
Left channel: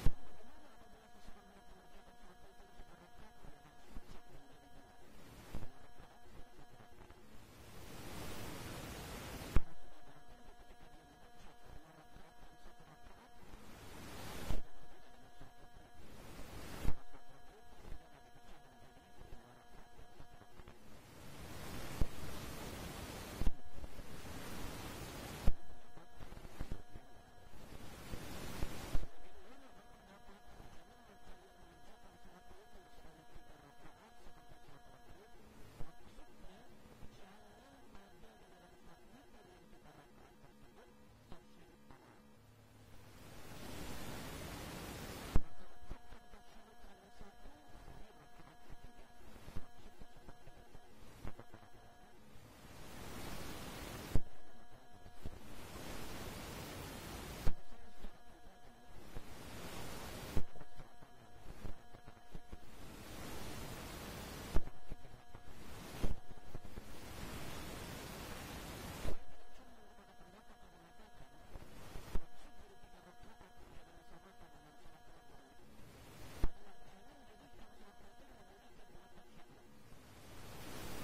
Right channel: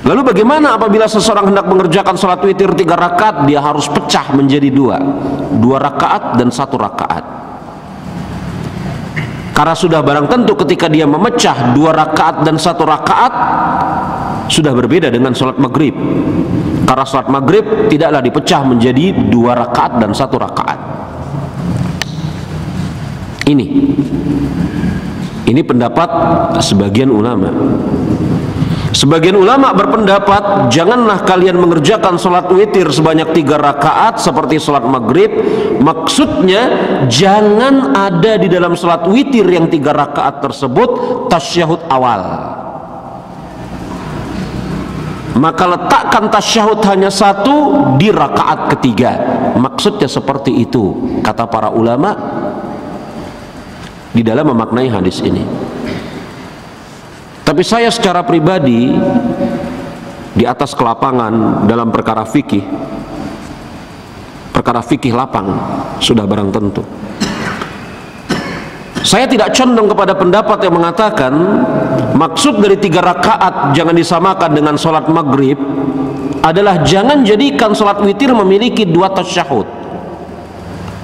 Lalu bagaimana apabila seseorang hendak mengerjakan salat witir 3 rakaat, dia harus pecah menjadi 2 rakaat dan 1 rakaat. Karena sudah barang tentu ketika dia memecah 2 rakaat dan 1 rakaat sudah berbeda dengan salat maghrib. Karena salat maghrib tidaklah dipecah menjadi 2 rakaat dan 1 rakaat. Ini pendapat sebagian ulama. Sebagian ulama berpendapat, janganlah kalian mengerjakan sholat witir sebanyak 3 rakaat seperti sholat maghrib. Maksudnya, jangan ada di dalam sholat witir yang 3 rakaat tersebut tasyahud awal. Maka letakkan tasyahud hanya 1 di rakaat ketiga. Maksudnya seperti itu, kata para ulama di dalam memaknai hadis ini. Tapi saya secara pribadi di atas kelapangan dalam perkara fikih lapang sudah barang tentu. Saya tidak condong kepada pendapat yang mengatakan maksud dari 3 rakaat jangan disamakan dengan sholat maghrib adalah jangan jadikan sholat witir memiliki 2 tasyahud.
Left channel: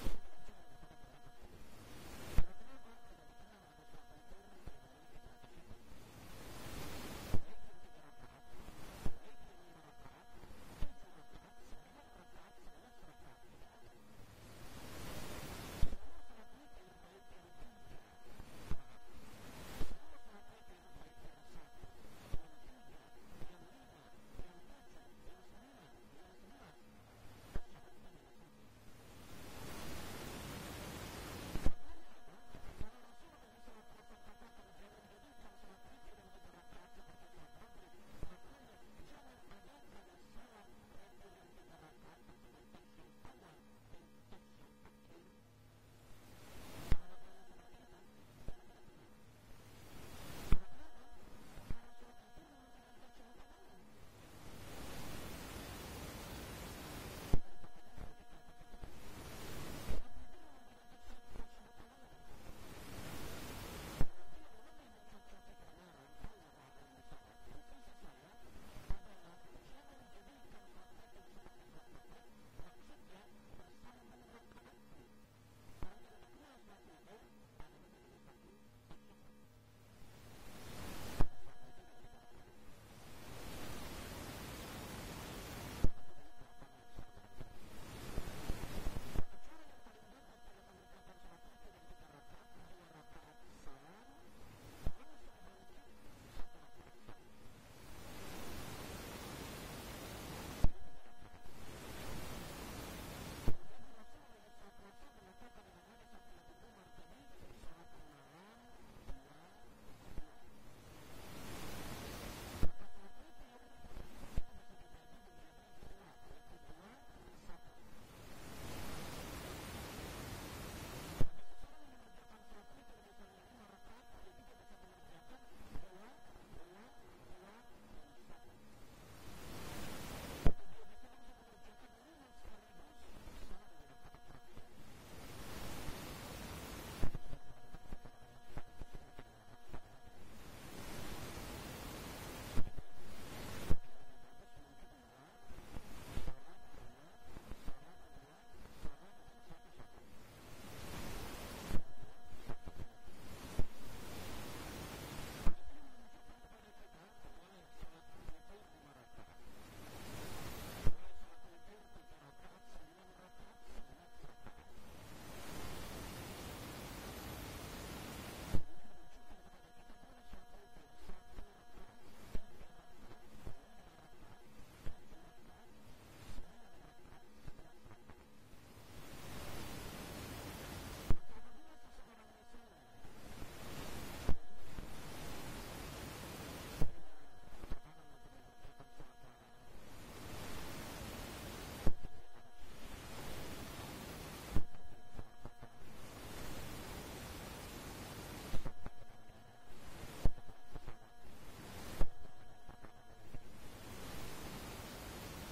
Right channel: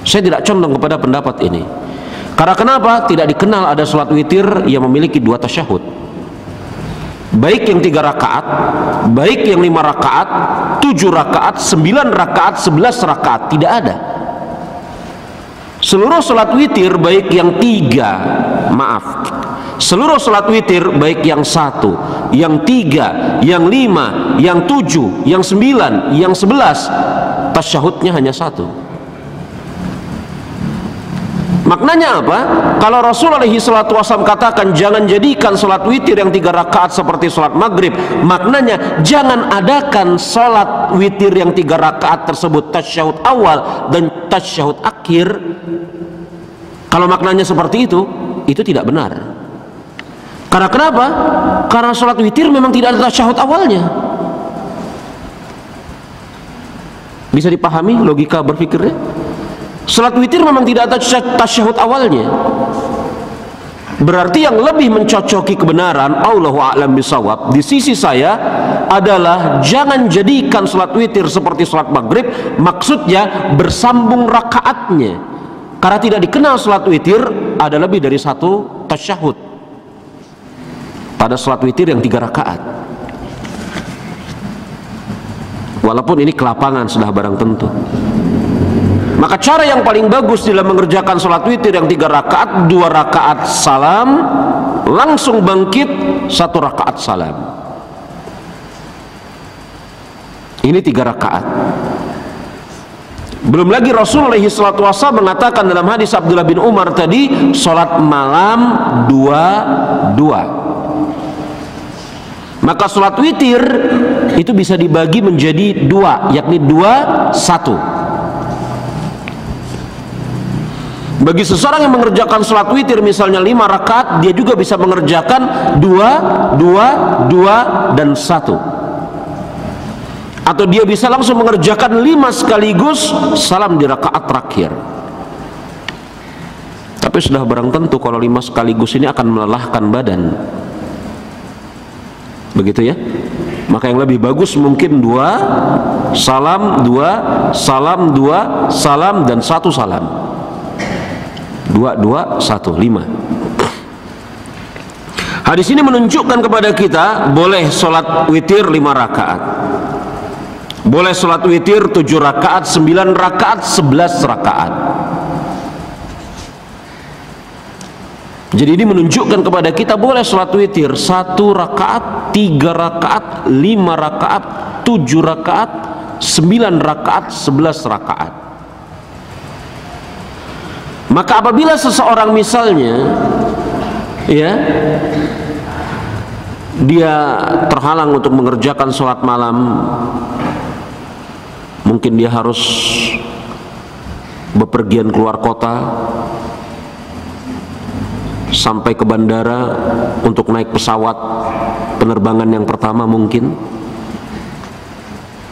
Saya tidak condong kepada pendapat ini. Karena kenapa? Tidak dikenal ada sholat witir yang memiliki 2 tasyahud. Baik yang 3 rakaat, baik yang 5 rakaat, 7 rakaat, 9 rakaat, 11 rakaat, tidak ada. Seluruh sholat witir baik yang 3, seluruh sholat witir baik yang 1, yang 3, yang 5, yang 7, yang 9, yang 11, tasyahudnya hanya 1. Maknanya apa? Kalau Rasul alaihi salatu wasallam katakan jangan jadikan sholat witir yang 3 rakaat seperti sholat maghrib, maknanya jangan adakan sholat witir yang 3 rakaat tersebut tasyahud awal dan tasyahud akhir. Kalau maknanya seperti itu tidak benar. Karena kenapa? Karena sholat witir memang tidak ada tasyahud awalnya. Bisa dipahami logika berpikirnya? Salat witir memang tidak ada tasyahud awalnya. Berarti yang lebih mencocoki kebenaran, Allahu a'lam bisawab, di sisi saya adalah jangan jadikan salat witir seperti salat maghrib. Maksudnya bersambung rakaatnya. Karena tidak dikenal salat witir ada lebih dari 1 tasyahud pada salat witir yang 3 rakaat. Walaupun ini kelapangan sudah barang tentu. Maka cara yang paling bagus dalam mengerjakan sholat witir yang 3 rakaat, 2 rakaat salam, langsung bangkit, 1 rakaat salam. Ini 3 rakaat. Belum lagi Rasul alaihi salatu wasallam mengatakan dalam hadis Abdullah bin Umar tadi, sholat malam 2. Maka sholat witir itu bisa dibagi menjadi 2, yakni 2-1. Bagi seseorang yang mengerjakan sholat witir misalnya 5 rakaat, dia juga bisa mengerjakan 2, 2, 2 dan 1. Atau dia bisa langsung mengerjakan 5 sekaligus salam di rakaat terakhir. Tapi sudah barang tentu kalau 5 sekaligus ini akan melelahkan badan. Begitu ya? Maka yang lebih bagus mungkin 2 salam, 2 salam, 2 salam dan 1 salam. 2, 2, 1, 5. Hadis ini menunjukkan kepada kita boleh sholat witir 5 rakaat, boleh sholat witir 7 rakaat, 9 rakaat, 11 rakaat. Jadi ini menunjukkan kepada kita boleh sholat witir 1 rakaat, 3 rakaat, 5 rakaat, 7 rakaat, 9 rakaat, 11 rakaat. Maka apabila seseorang misalnya ya dia terhalang untuk mengerjakan sholat malam, mungkin dia harus bepergian keluar kota sampai ke bandara untuk naik pesawat penerbangan yang pertama mungkin.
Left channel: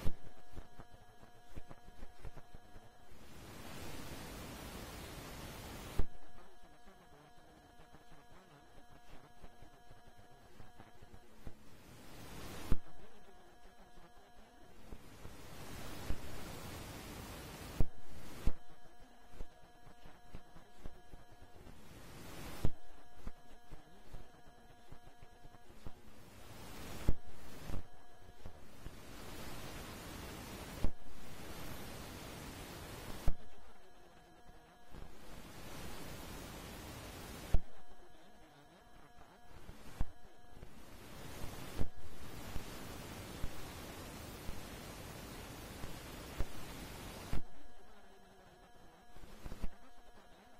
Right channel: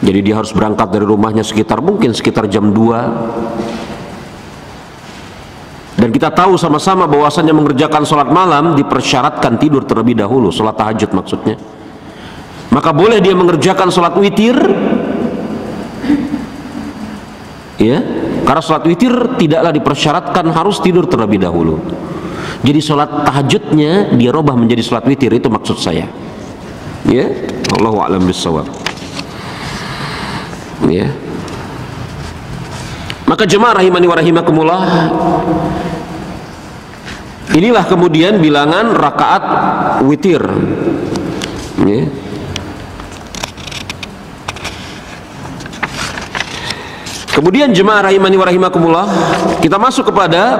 Jadi dia harus berangkat dari rumahnya sekitar jam 2. Dan kita tahu sama-sama bahwasanya mengerjakan sholat malam dipersyaratkan tidur terlebih dahulu, sholat tahajud maksudnya. Maka boleh dia mengerjakan sholat witir, ya, karena sholat witir tidaklah dipersyaratkan harus tidur terlebih dahulu. Jadi sholat tahajudnya dia robah menjadi sholat witir, itu maksud saya. Ya, Allahu a'lam bishawab. Ya. Maka jemaah rahimani wa rahimakumullah, inilah kemudian bilangan rakaat witir. Ya. Kemudian jemaah rahimani wa rahimakumullah, kita masuk kepada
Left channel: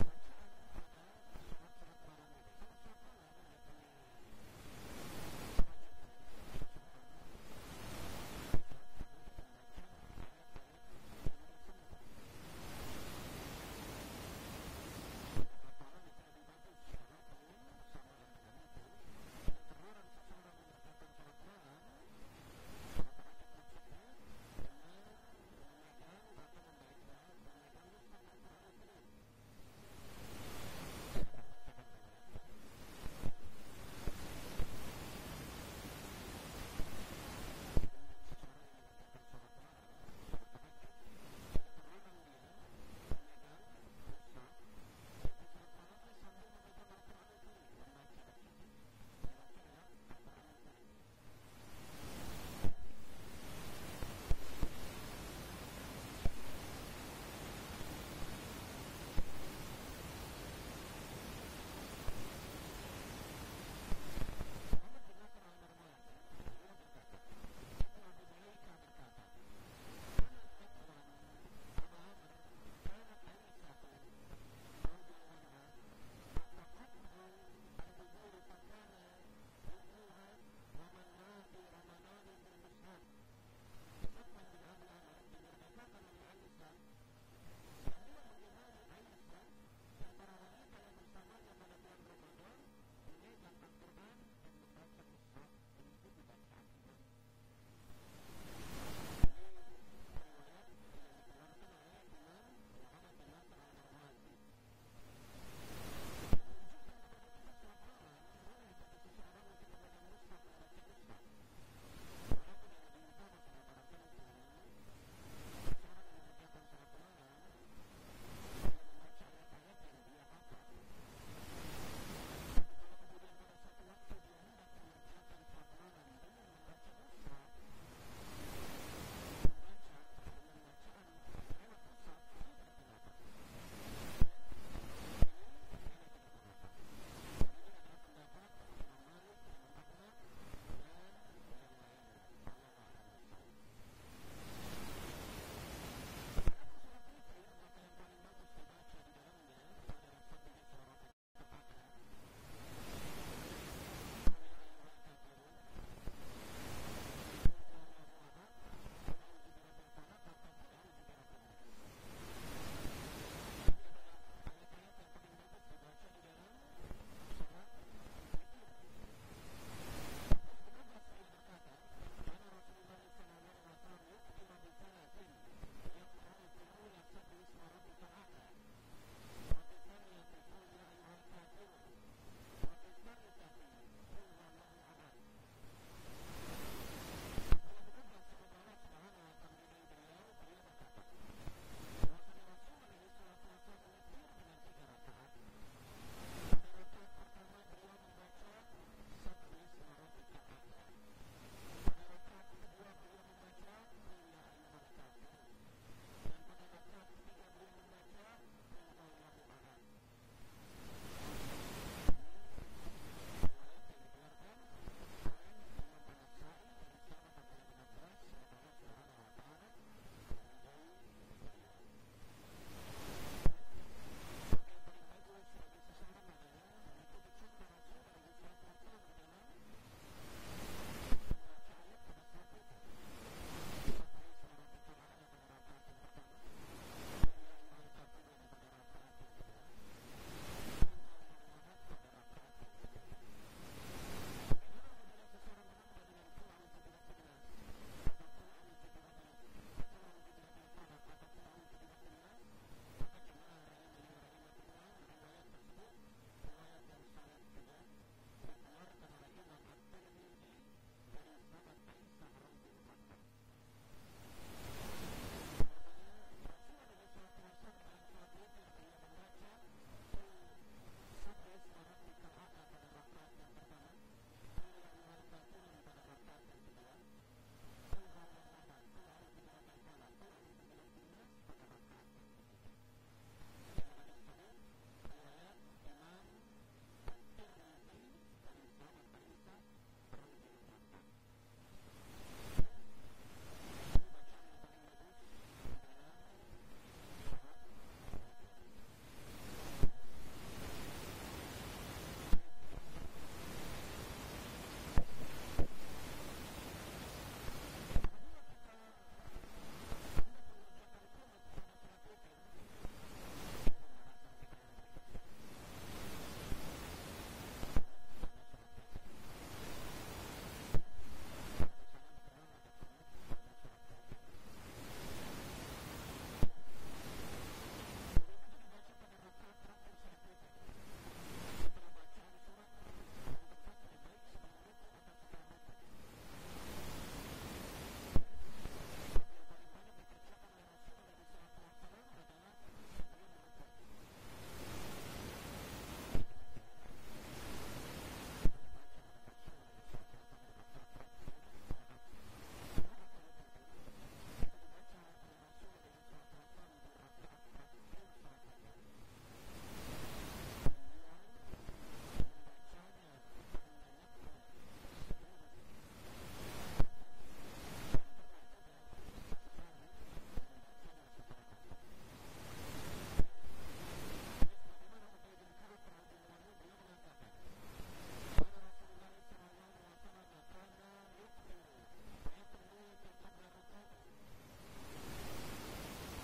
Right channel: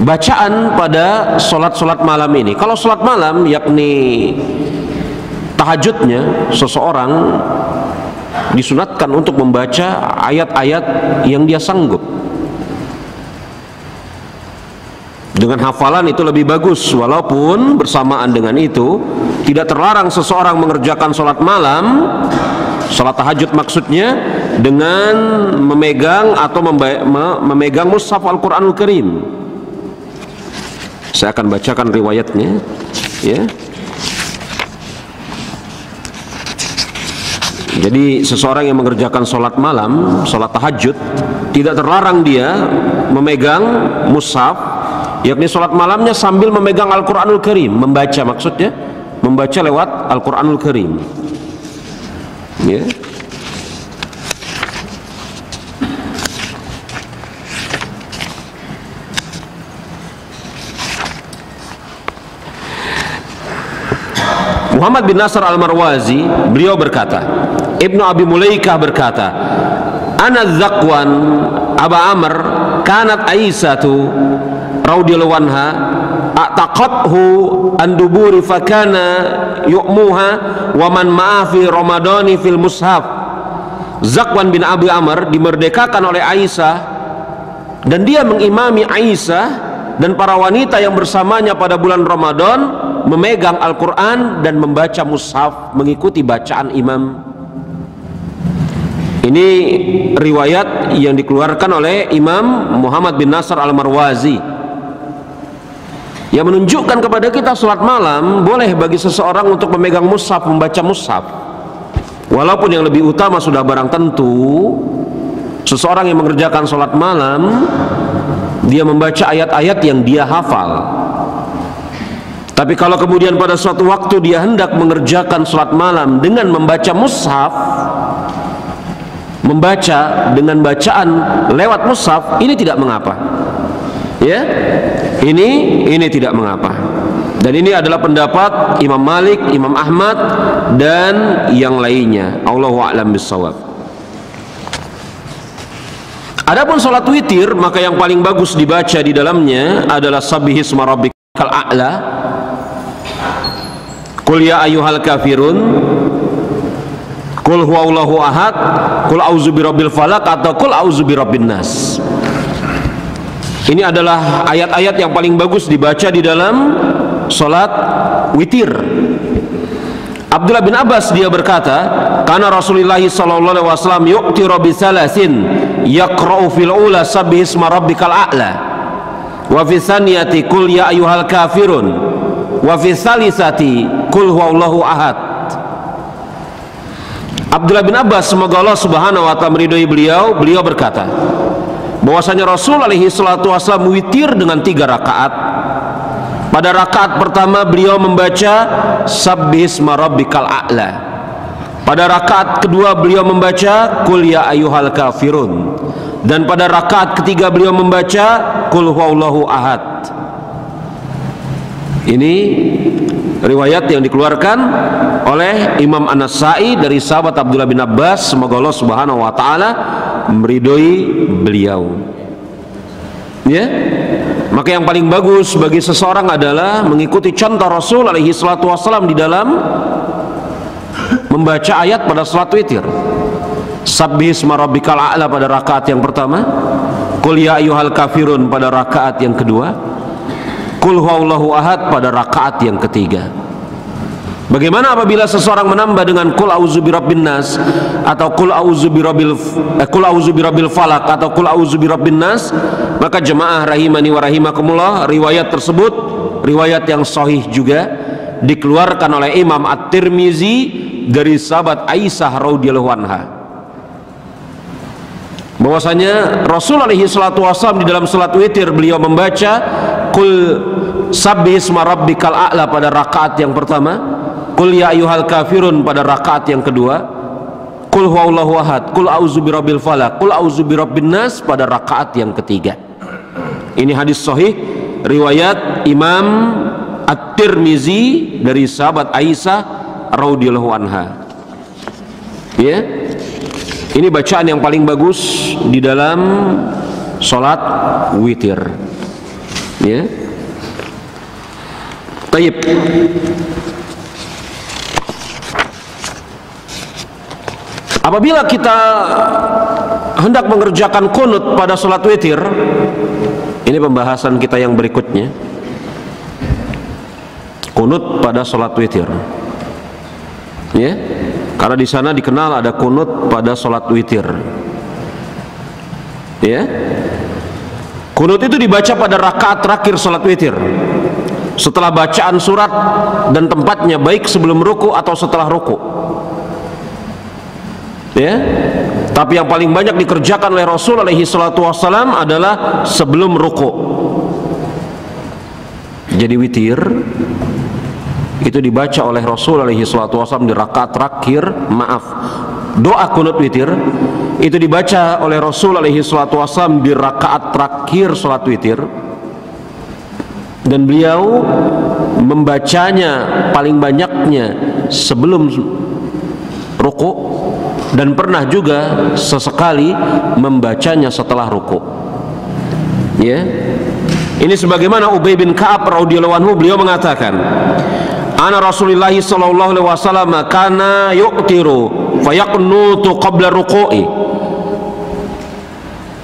bacaan pada solat malam ini. Kalau solat malam yakni tahajudnya, seseorang disunatkan untuk membaca ayat-ayat yang dia sanggup. Dengan hafalan itu lebih bagus, walaupun bersamaan dengan itu tidak terlarang seseorang mengerjakan solat malam, solat tahajud maksudnya, dengan memegang atau memegang mushaf Al-Quranul Karim. Saya akan bacakan riwayatnya, ya. Jadi seseorang yang mengerjakan solat malam, solat tahajud, tidak terlarang dia memegang mushaf, yakni solat malamnya sambil memegang Al-Quranul Karim, membaca maksudnya, membaca lewat Al-Quranul Karim, ya. Muhammad bin Nasr al-Marwazi, beliau berkata, Ibnu Abi Mulaikah berkata, Ana Zakwan Aba Amr kanat Aisyatu radhiyallahu anha a'taqathu an duburi fakana yu'muha wa man ma'a fi ramadani fil mushaf. Zakwan bin Abi Amr dimerdekakan oleh Aisyah dan dia mengimami Aisyah dan para wanita yang bersamanya pada bulan Ramadan memegang Al-Quran dan membaca mushaf, mengikuti bacaan imam. Ini riwayat yang dikeluarkan oleh Imam Muhammad bin Nasr al-Marwazi, yang menunjukkan kepada kita salat malam boleh bagi seseorang untuk memegang mushaf, membaca mushaf. Walaupun yang lebih utama sudah barang tentu seseorang yang mengerjakan salat malam dia membaca ayat-ayat yang dia hafal. Tapi kalau kemudian pada suatu waktu dia hendak mengerjakan salat malam dengan membaca mushaf, membaca dengan bacaan lewat mushaf, ini tidak mengapa. Ya, ini tidak mengapa. Dan ini adalah pendapat Imam Malik, Imam Ahmad dan yang lainnya. Allahu a'lam bissawab. Adapun salat witir, maka yang paling bagus dibaca di dalamnya adalah Sabbihisma rabbikal a'la, Qul ya ayyuhal kafirun, Qul huwallahu ahad, Qul a'udzu birabbil falaq, atau Qul a'udzu birabbin nas. Ini adalah ayat-ayat yang paling bagus dibaca di dalam salat witir. Abdullah bin Abbas dia berkata, karena Rasulullah sallallahu alaihi wasallam yu'tiru bi salasin yaqra'u fil ula sabbihisma rabbikal a'la, wa fi tsaniyati qul ya ayyuhal kafirun, wa fi tsalisati qul huwallahu ahad. Abdullah bin Abbas, semoga Allah Subhanahu wa taala meridhai beliau, beliau berkata bahwasanya Rasul alaihi salatu wasallam witir dengan 3 rakaat. Pada rakaat pertama beliau membaca Sabbihisma rabbikal a'la. Pada rakaat kedua beliau membaca Qul ya ayyuhal kafirun. Dan pada rakaat ketiga beliau membaca Qul huwallahu ahad. Ini riwayat yang dikeluarkan oleh Imam An-Nasa'i dari sahabat Abdullah bin Abbas, semoga Allah Subhanahu wa taala meridhoi beliau. Ya. Maka yang paling bagus bagi seseorang adalah mengikuti contoh Rasul alaihi salatu wasallam di dalam membaca ayat pada salat witir. Sabbihisma rabbikal a'la pada rakaat yang pertama, Qul ya ayyuhal kafirun pada rakaat yang kedua, Qul huwallahu ahad pada rakaat yang ketiga. Bagaimana apabila seseorang menambah dengan Qul a'udzu birabbin nas atau Qul a'udzu birabbil falaq atau Qul a'udzu birabbin nas? Maka jemaah rahimani wa rahimakumullah, riwayat tersebut riwayat yang sahih juga dikeluarkan oleh Imam At-Tirmizi dari sahabat Aisyah radhiyallahu anha, bahwasanya Rasul alaihi salatu wasallam di dalam salat witir beliau membaca Qul sabbihisma rabbikal a'la pada rakaat yang pertama, Qul ya ayyuhal kafirun pada rakaat yang kedua, Qul huwallahu ahad, Qul a'udzu birabbil falaq, Qul a'udzu birabbin nas pada rakaat yang ketiga. Ini hadis sahih riwayat Imam At-Tirmizi dari sahabat Aisyah radhiyallahu anha. Ya. Ini bacaan yang paling bagus di dalam sholat witir. Ya. Taib. Apabila kita hendak mengerjakan kunut pada sholat witir, ini pembahasan kita yang berikutnya. Kunut pada sholat witir, ya, karena di sana dikenal ada kunut pada sholat witir, ya. Kunut itu dibaca pada rakaat terakhir sholat witir, setelah bacaan surat dan tempatnya, baik sebelum ruku atau setelah ruku. Ya, tapi yang paling banyak dikerjakan oleh Rasul alaihi salatu wassalam adalah sebelum ruku. Jadi witir itu dibaca oleh Rasul alaihi salatu wassalam di rakaat terakhir, doa kunut witir itu dibaca oleh Rasul alaihi salatu wassalam di rakaat terakhir salat witir, dan beliau membacanya paling banyaknya sebelum ruku, dan pernah juga sesekali membacanya setelah ruku. Ya, ini sebagaimana Ubay bin Ka'ab radhiyallahu anhu, beliau mengatakan, "Ana Rasulullah sallallahu alaihi wasallam kana yuqtiru fayaqnutu qabla ruku'i."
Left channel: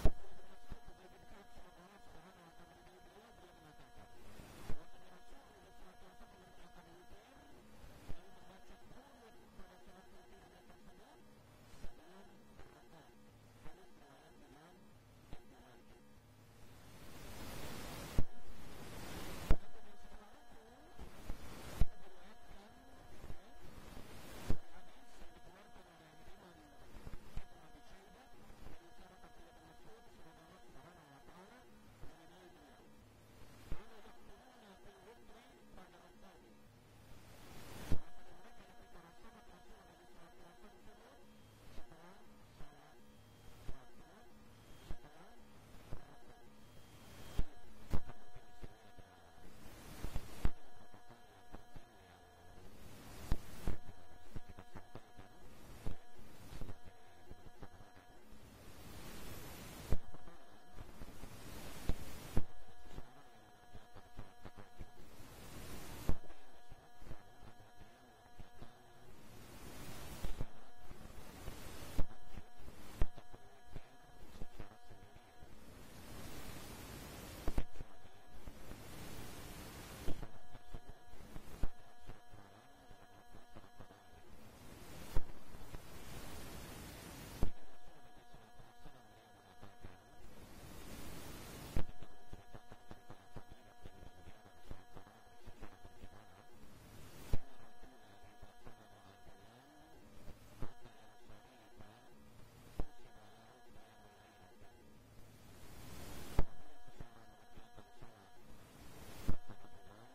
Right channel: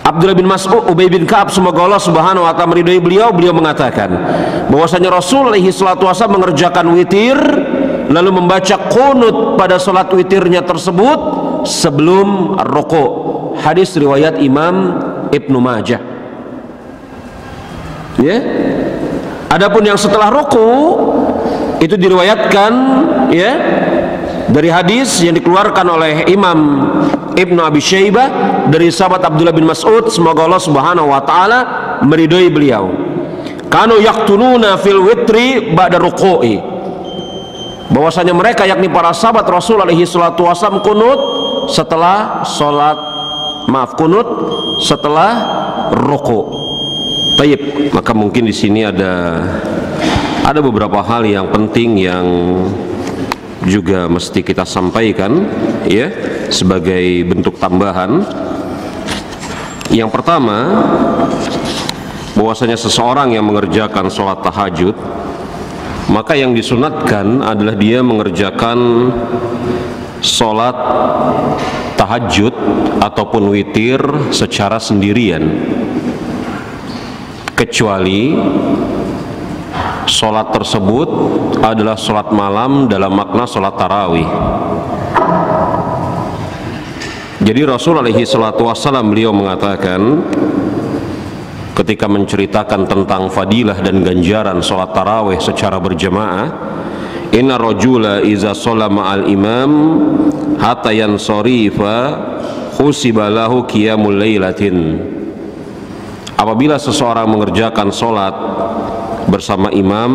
Abdullah bin Mas'ud, Ubay bin Ka'ab, semoga Allah subhanahu wa ta'ala meridhai beliau, beliau mengatakan bahwasanya Rasul alaihi salatu wasallam mengerjakan witir lalu membaca qunut pada salat witirnya tersebut sebelum ruku. Hadis riwayat Imam Ibnu Majah. Ya. Adapun yang setelah ruku itu diriwayatkan, ya, dari hadis yang dikeluarkan oleh Imam Ibnu Abi Syaibah dari sahabat Abdullah bin Mas'ud, semoga Allah subhanahu wa ta'ala meridhai beliau. Kanu yaqtununa fil witri ba'da ruku'i, bahwasanya mereka, yakni para sahabat Rasul alaihi salatu wasallam, kunut setelah kunut setelah ruku. Baik, maka mungkin di sini ada beberapa hal yang penting yang juga mesti kita sampaikan, ya, sebagai bentuk tambahan. Yang pertama, bahwasanya seseorang yang mengerjakan sholat tahajud, maka yang disunatkan adalah dia mengerjakan sholat tahajud ataupun witir secara sendirian, kecuali sholat tersebut adalah sholat malam dalam makna sholat tarawih. Jadi Rasul alaihi salatu wassalam beliau mengatakan ketika menceritakan tentang fadilah dan ganjaran sholat tarawih secara berjamaah, inna rajula iza sholla ma'al imam hatta yansorifa husiba lahu qiyamul lailatin. Apabila seseorang mengerjakan sholat bersama imam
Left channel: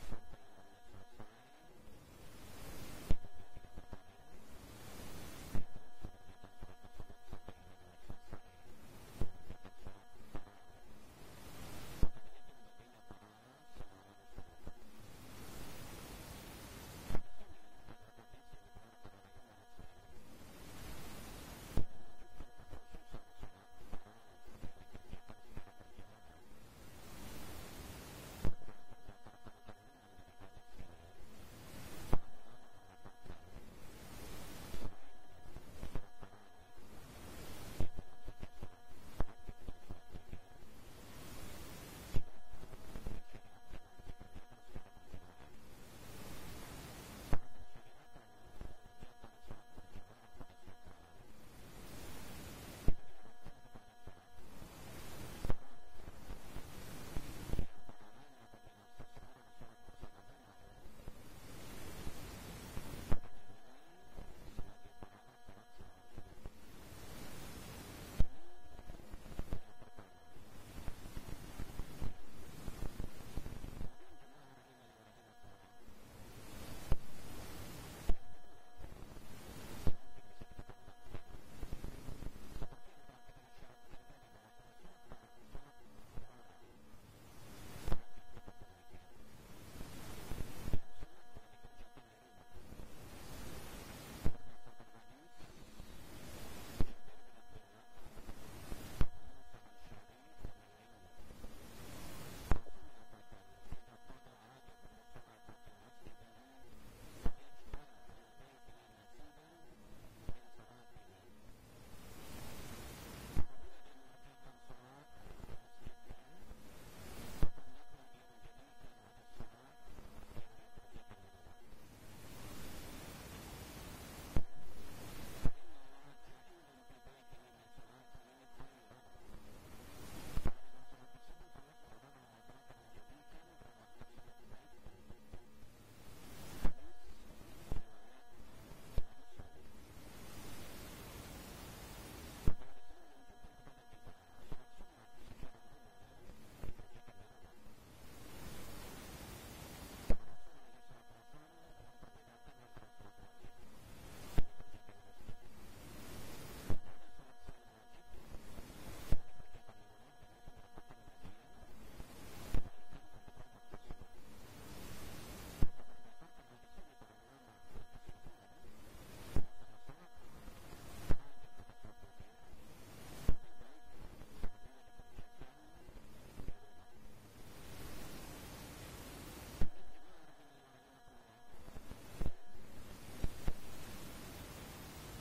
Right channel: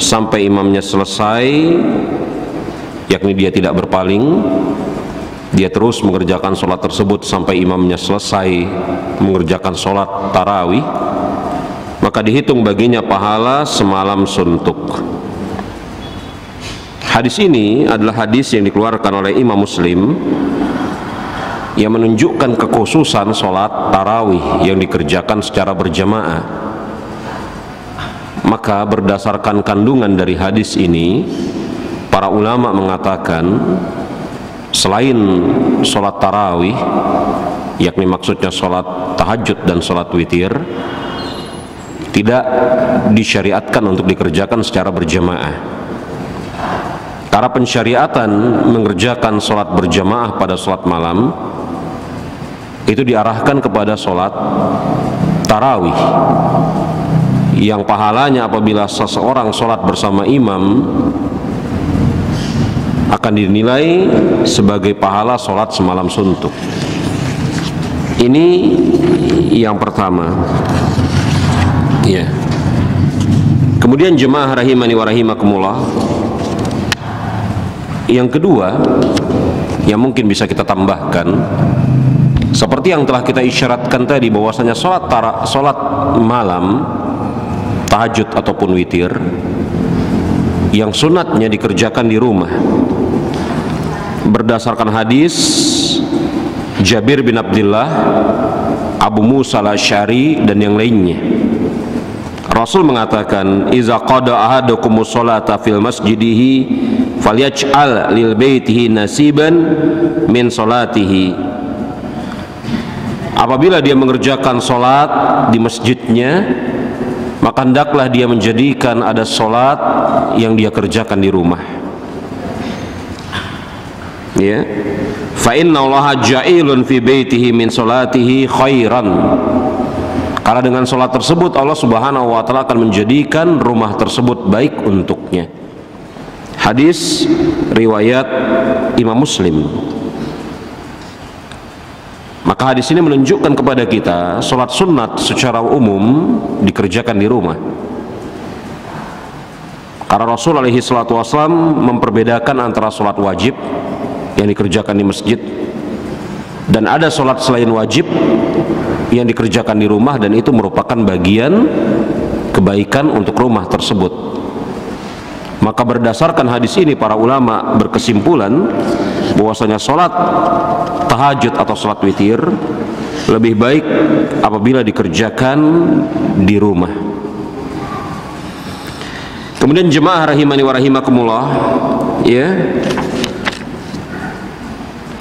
sampai imamnya selesai, yakni dia tidak berpaling, dia terus mengerjakan sholat tersebut sampai imamnya selesai mengerjakan sholat tarawih, maka dihitung baginya pahala semalam suntuk. Hadis ini adalah hadis yang dikeluarkan oleh Imam Muslim yang menunjukkan kekhususan sholat tarawih yang dikerjakan secara berjamaah. Maka berdasarkan kandungan dari hadis ini, para ulama mengatakan selain sholat tarawih, yakni maksudnya sholat tahajud dan sholat witir, tidak disyariatkan untuk dikerjakan secara berjamaah. Karena pensyariatan mengerjakan sholat berjamaah pada sholat malam itu diarahkan kepada sholat tarawih, yang pahalanya apabila seseorang sholat bersama imam akan dinilai sebagai pahala sholat semalam suntuk. Ini yang pertama, ya. Kemudian jemaah rahimani wa rahimakumullah, yang kedua yang mungkin bisa kita tambahkan, seperti yang telah kita isyaratkan tadi, bahwasanya sholat malam tahajud ataupun witir yang sunatnya dikerjakan di rumah berdasarkan hadis Jabir bin Abdullah, Abu Musa al-Asy'ari dan yang lainnya. Rasul mengatakan, "Iza qada ahadukumus sholata fil masjidihi falyaj'al lil baitihi nasiban min sholatihi." Apabila dia mengerjakan sholat di masjidnya, maka hendaklah dia menjadikan ada sholat yang dia kerjakan di rumah. Ya, fa inna Allaha ja'ilun fi baitihi min sholatihi khairan. Karena dengan sholat tersebut Allah Subhanahu wa Ta'ala akan menjadikan rumah tersebut baik untuknya. Hadis riwayat Imam Muslim. Maka hadis ini menunjukkan kepada kita sholat sunat secara umum dikerjakan di rumah. Karena Rasul alaihi salatu wassalam memperbedakan antara sholat wajib yang dikerjakan di masjid dan ada sholat selain wajib yang dikerjakan di rumah, dan itu merupakan bagian kebaikan untuk rumah tersebut. Maka berdasarkan hadis ini para ulama berkesimpulan bahwasanya sholat tahajud atau sholat witir lebih baik apabila dikerjakan di rumah. Kemudian jemaah rahimani wa rahimakumullah, ya,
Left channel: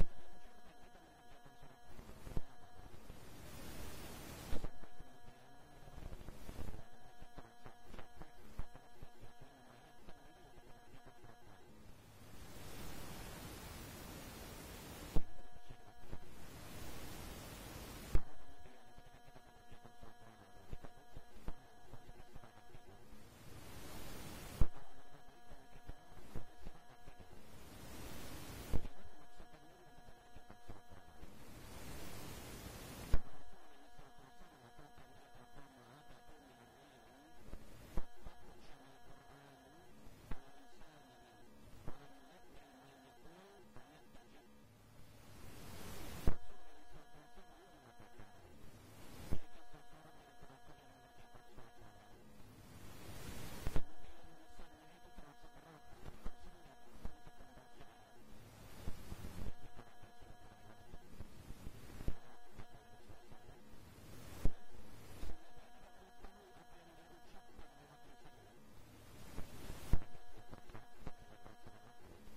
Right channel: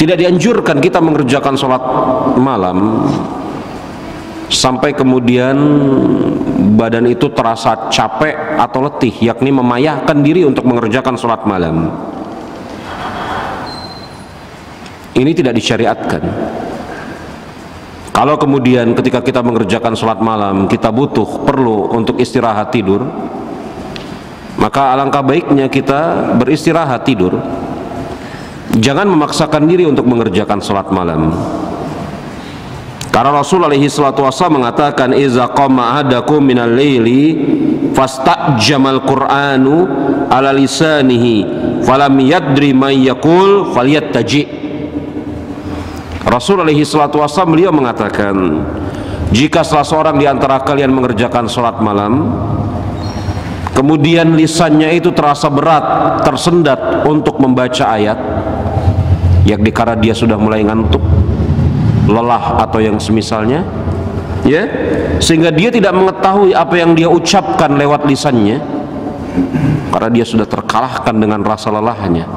tidak dianjurkan kita mengerjakan sholat malam sampai kemudian badan itu terasa capek atau letih, yakni memayahkan diri untuk mengerjakan sholat malam. Ini tidak disyariatkan. Kalau kemudian ketika kita mengerjakan sholat malam kita perlu untuk istirahat tidur, maka alangkah baiknya kita beristirahat tidur. Jangan memaksakan diri untuk mengerjakan sholat malam. Karena Rasul alaihi salatu wassalam mengatakan, "Iza qama ahadakum minal laili fastajamal Qur'anu ala lisanihi falam yadri may yaqul falyattaji." Rasul alaihi salatu wassalam beliau mengatakan, jika salah seorang di antara kalian mengerjakan sholat malam, kemudian lisannya itu terasa berat, tersendat untuk membaca ayat, yakni karena dia sudah mulai ngantuk, lelah atau yang semisalnya, ya, sehingga dia tidak mengetahui apa yang dia ucapkan lewat lisannya karena dia sudah terkalahkan dengan rasa lelahnya,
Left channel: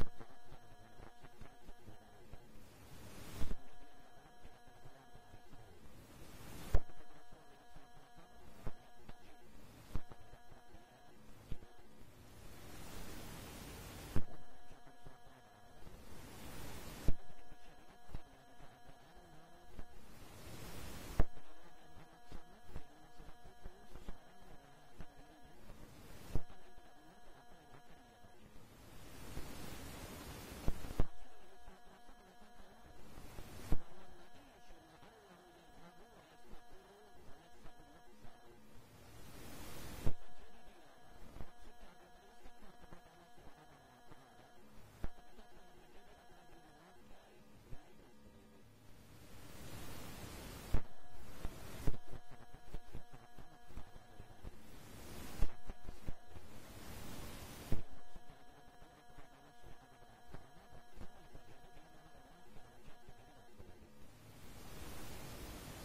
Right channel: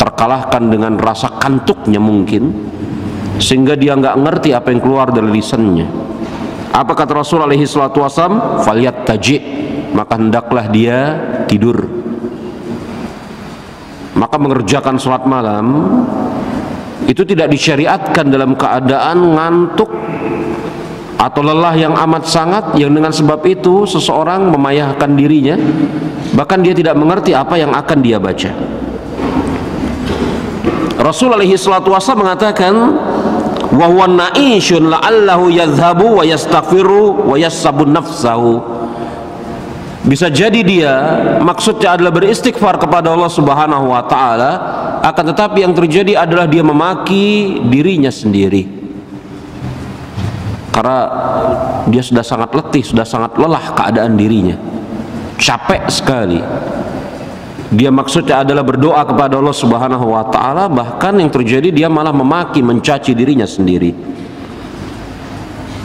terkalahkan dengan rasa kantuknya mungkin, sehingga dia nggak ngerti apa yang keluar dari lisannya. Apa kata Rasul alaihi salatu wasallam? Falyattaji, maka hendaklah dia tidur. Maka mengerjakan sholat malam itu tidak disyariatkan dalam keadaan ngantuk atau lelah yang amat sangat, yang dengan sebab itu seseorang memayahkan dirinya, bahkan dia tidak mengerti apa yang akan dia baca. Rasul alaihi salatu wasallam mengatakan, wa huwa na'ishun la'allahu yadhhabu wa yastaghfiru wa yassabun nafsahu. Bisa jadi dia maksudnya adalah beristighfar kepada Allah Subhanahu wa Ta'ala, akan tetapi yang terjadi adalah dia memaki dirinya sendiri karena dia sudah sangat letih, sudah sangat lelah keadaan dirinya, capek sekali. Dia maksudnya adalah berdoa kepada Allah Subhanahu wa Ta'ala, bahkan yang terjadi dia malah memaki, mencaci dirinya sendiri.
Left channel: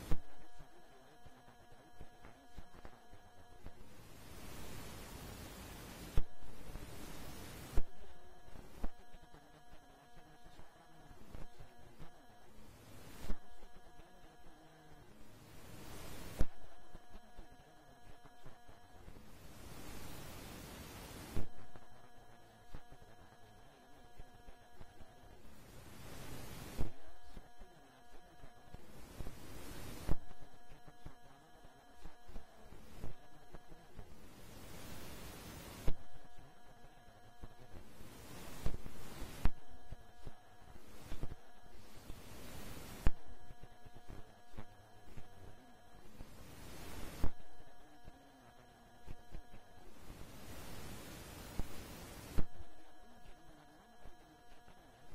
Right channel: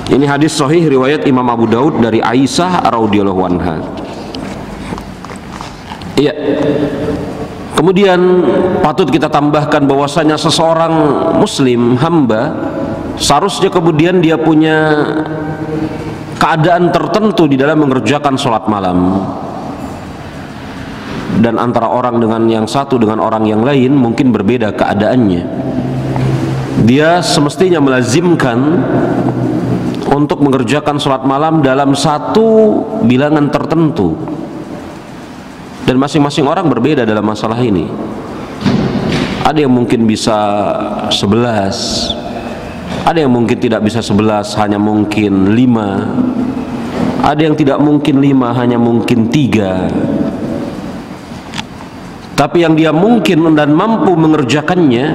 Ini hadis sahih riwayat Imam Abu Daud dari Aisyah radhiyallahu anha. Iya. Kemudian patut kita tambahkan bahwasanya seseorang muslim, hamba, seharusnya kemudian dia punya keadaan tertentu di dalam mengerjakan sholat malam. Dan antara orang dengan yang satu dengan orang yang lain mungkin berbeda keadaannya. Dia semestinya melazimkan untuk mengerjakan sholat malam dalam satu bilangan tertentu. Dan masing-masing orang berbeda dalam masalah ini. Ada yang mungkin bisa 11, ada yang mungkin tidak bisa 11, hanya mungkin 5, ada yang tidak mungkin 5, hanya mungkin 3. Tapi yang dia mungkin dan mampu mengerjakannya,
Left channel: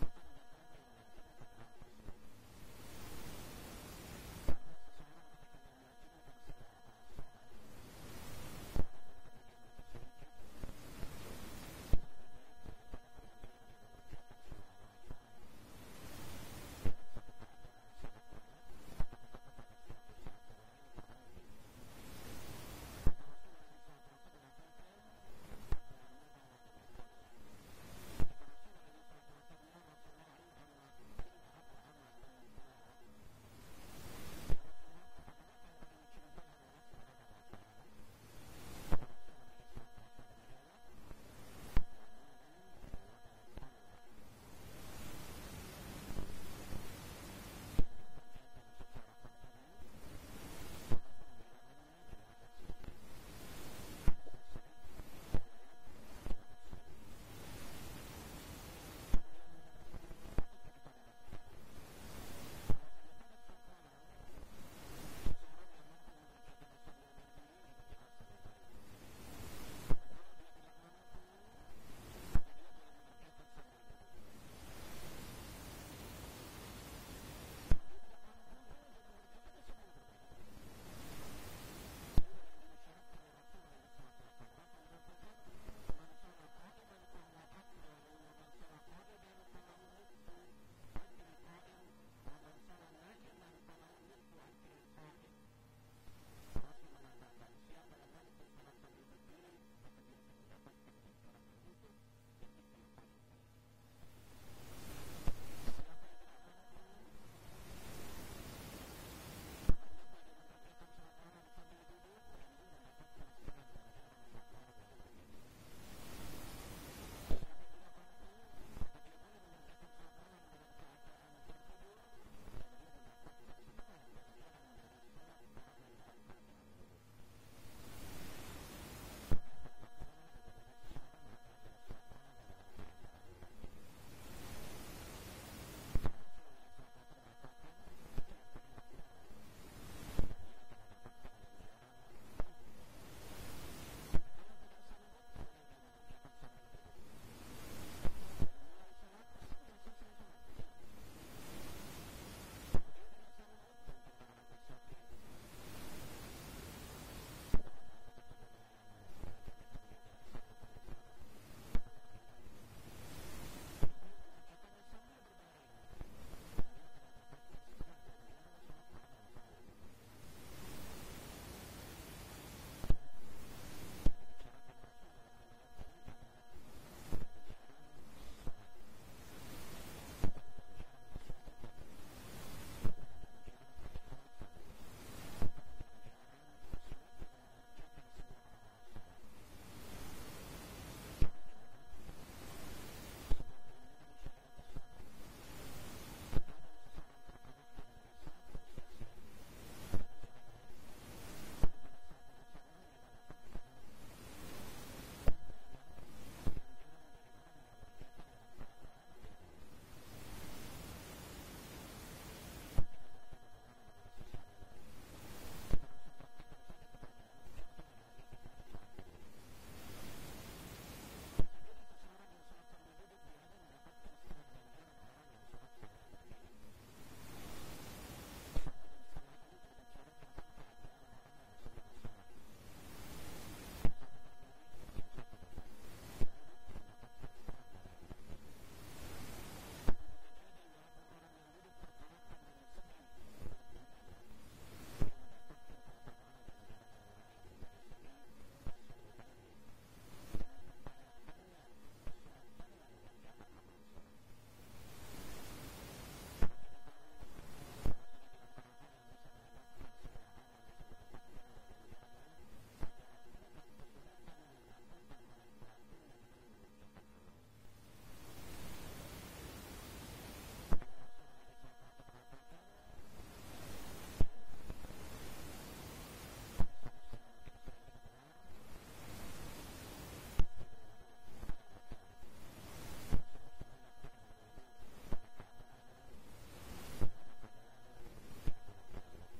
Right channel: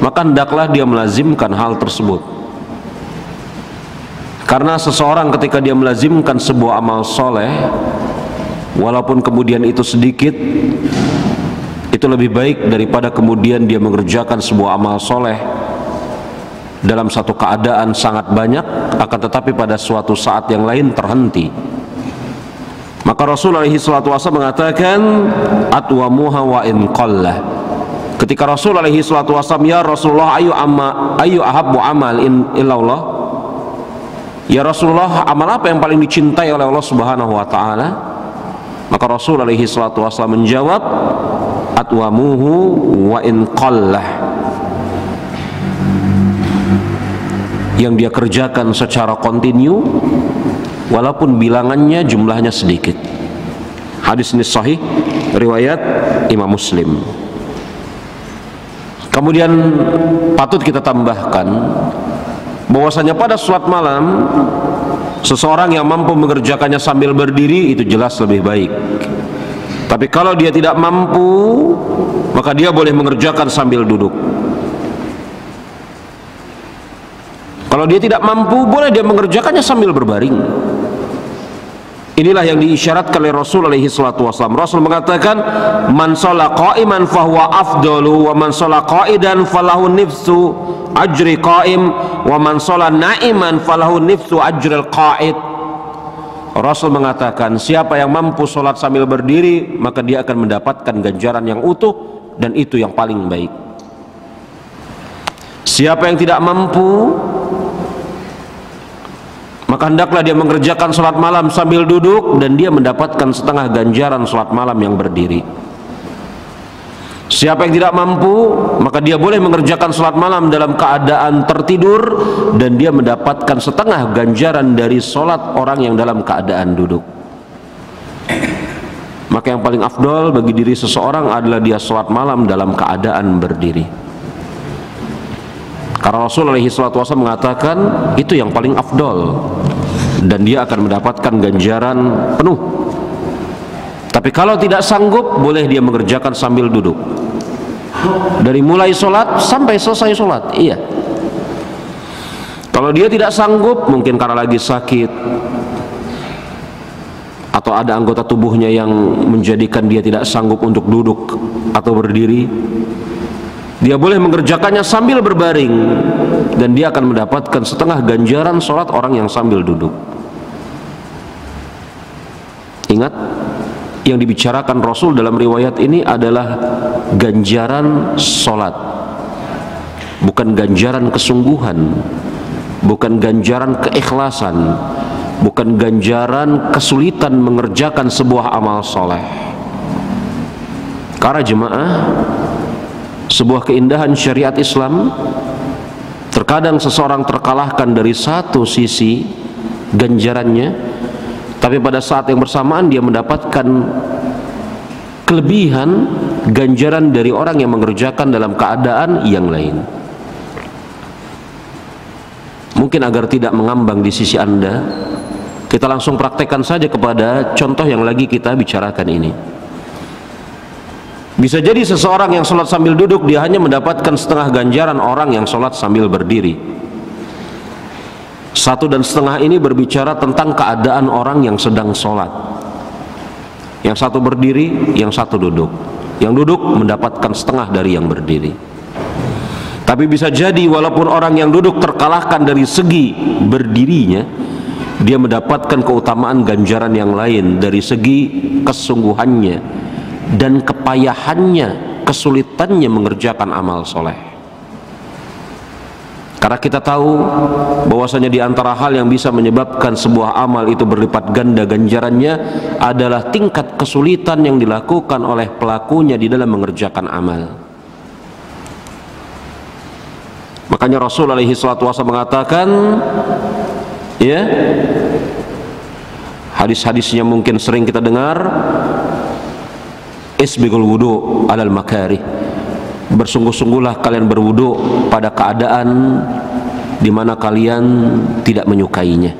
maka hendaklah dia melazimkan hal tersebut. Karena seseorang ketika dia melazimkan sebuah amal soleh, walaupun kemudian itu sedikit, itu lebih baik daripada kemudian dia mengerjakan sebuah amal soleh dalam satu keadaan sangat banyak, akan tetapi pada suatu saat yang lain terhenti. Maka Rasul alaihi salatu wasallam mengatakan atwamuha wa in qallah. Ketika Rasul alaihi salatu wasallam, ya Rasulullah, ayu ahabbu amal illallah, ya Rasulullah, amal apa yang paling dicintai oleh Allah Subhanahu wa taala? Maka Rasul alaihi salatu wasallam menjawab atwamuhu wa in qallah, yang dia kerjakan secara kontinu walaupun bilangannya jumlahnya sedikit. Hadis ini sahih riwayat Imam Muslim. Kemudian patut kita tambahkan bahwasanya pada salat malam seseorang yang mampu mengerjakannya sambil berdiri itu jelas lebih baik. Tapi kalau dia tidak mampu, maka dia boleh mengerjakan sambil duduk. Kalau dia tidak mampu, boleh dia mengerjakannya sambil berbaring. Inilah yang diisyaratkan oleh Rasul alaihi salatu wasallam. Rasul mengatakan, man shalla qa'iman fahuwa afdalu, wa man shalla qa'idan falahu nifsu ajri qa'im, wa man shalla na'iman falahu nifsu ajril qa'id. Rasul mengatakan, siapa yang mampu sholat sambil berdiri, maka dia akan mendapatkan ganjaran yang utuh, dan itu yang paling baik. Siapa yang tidak mampu, maka hendaklah dia mengerjakan sholat malam sambil duduk, dan dia mendapatkan setengah ganjaran sholat malam yang berdiri. Siapa yang tidak mampu, maka dia boleh mengerjakan sholat malam dalam keadaan tertidur, dan dia mendapatkan setengah ganjaran dari sholat orang yang dalam keadaan duduk. Maka yang paling afdol bagi diri seseorang adalah dia sholat malam dalam keadaan berdiri. Karena Rasul alaihi salatu wasallam mengatakan itu yang paling afdol, dan dia akan mendapatkan ganjaran penuh. Tapi kalau tidak sanggup, boleh dia mengerjakan sambil duduk, dari mulai sholat sampai selesai sholat. Iya. Kalau dia tidak sanggup, mungkin karena lagi sakit atau ada anggota tubuhnya yang menjadikan dia tidak sanggup untuk duduk atau berdiri, dia boleh mengerjakannya sambil berbaring, dan dia akan mendapatkan setengah ganjaran sholat orang yang sambil duduk. Ingat, yang dibicarakan Rasul dalam riwayat ini adalah ganjaran sholat, bukan ganjaran kesungguhan, bukan ganjaran keikhlasan, bukan ganjaran kesulitan mengerjakan sebuah amal soleh. Karena jemaah, sebuah keindahan syariat Islam, terkadang seseorang terkalahkan dari satu sisi ganjarannya, tapi pada saat yang bersamaan dia mendapatkan kelebihan ganjaran dari orang yang mengerjakan dalam keadaan yang lain. Mungkin agar tidak mengambang di sisi Anda, kita langsung praktekkan saja kepada contoh yang lagi kita bicarakan ini. Bisa jadi seseorang yang sholat sambil duduk, dia hanya mendapatkan setengah ganjaran orang yang sholat sambil berdiri. 1,5 ini berbicara tentang keadaan orang yang sedang sholat. Yang satu berdiri, yang satu duduk. Yang duduk mendapatkan setengah dari yang berdiri. Tapi bisa jadi walaupun orang yang duduk terkalahkan dari segi berdirinya, dia mendapatkan keutamaan ganjaran yang lain dari segi kesungguhannya dan kepayahannya, kesulitannya mengerjakan amal soleh. Karena kita tahu bahwasanya di antara hal yang bisa menyebabkan sebuah amal itu berlipat ganda ganjarannya adalah tingkat kesulitan yang dilakukan oleh pelakunya di dalam mengerjakan amal. Makanya Rasul alaihi salatu wasallam mengatakan, ya, hadis-hadisnya mungkin sering kita dengar, isbighul wudu alal makarih, bersungguh-sungguhlah kalian berwudu pada keadaan di mana kalian tidak menyukainya.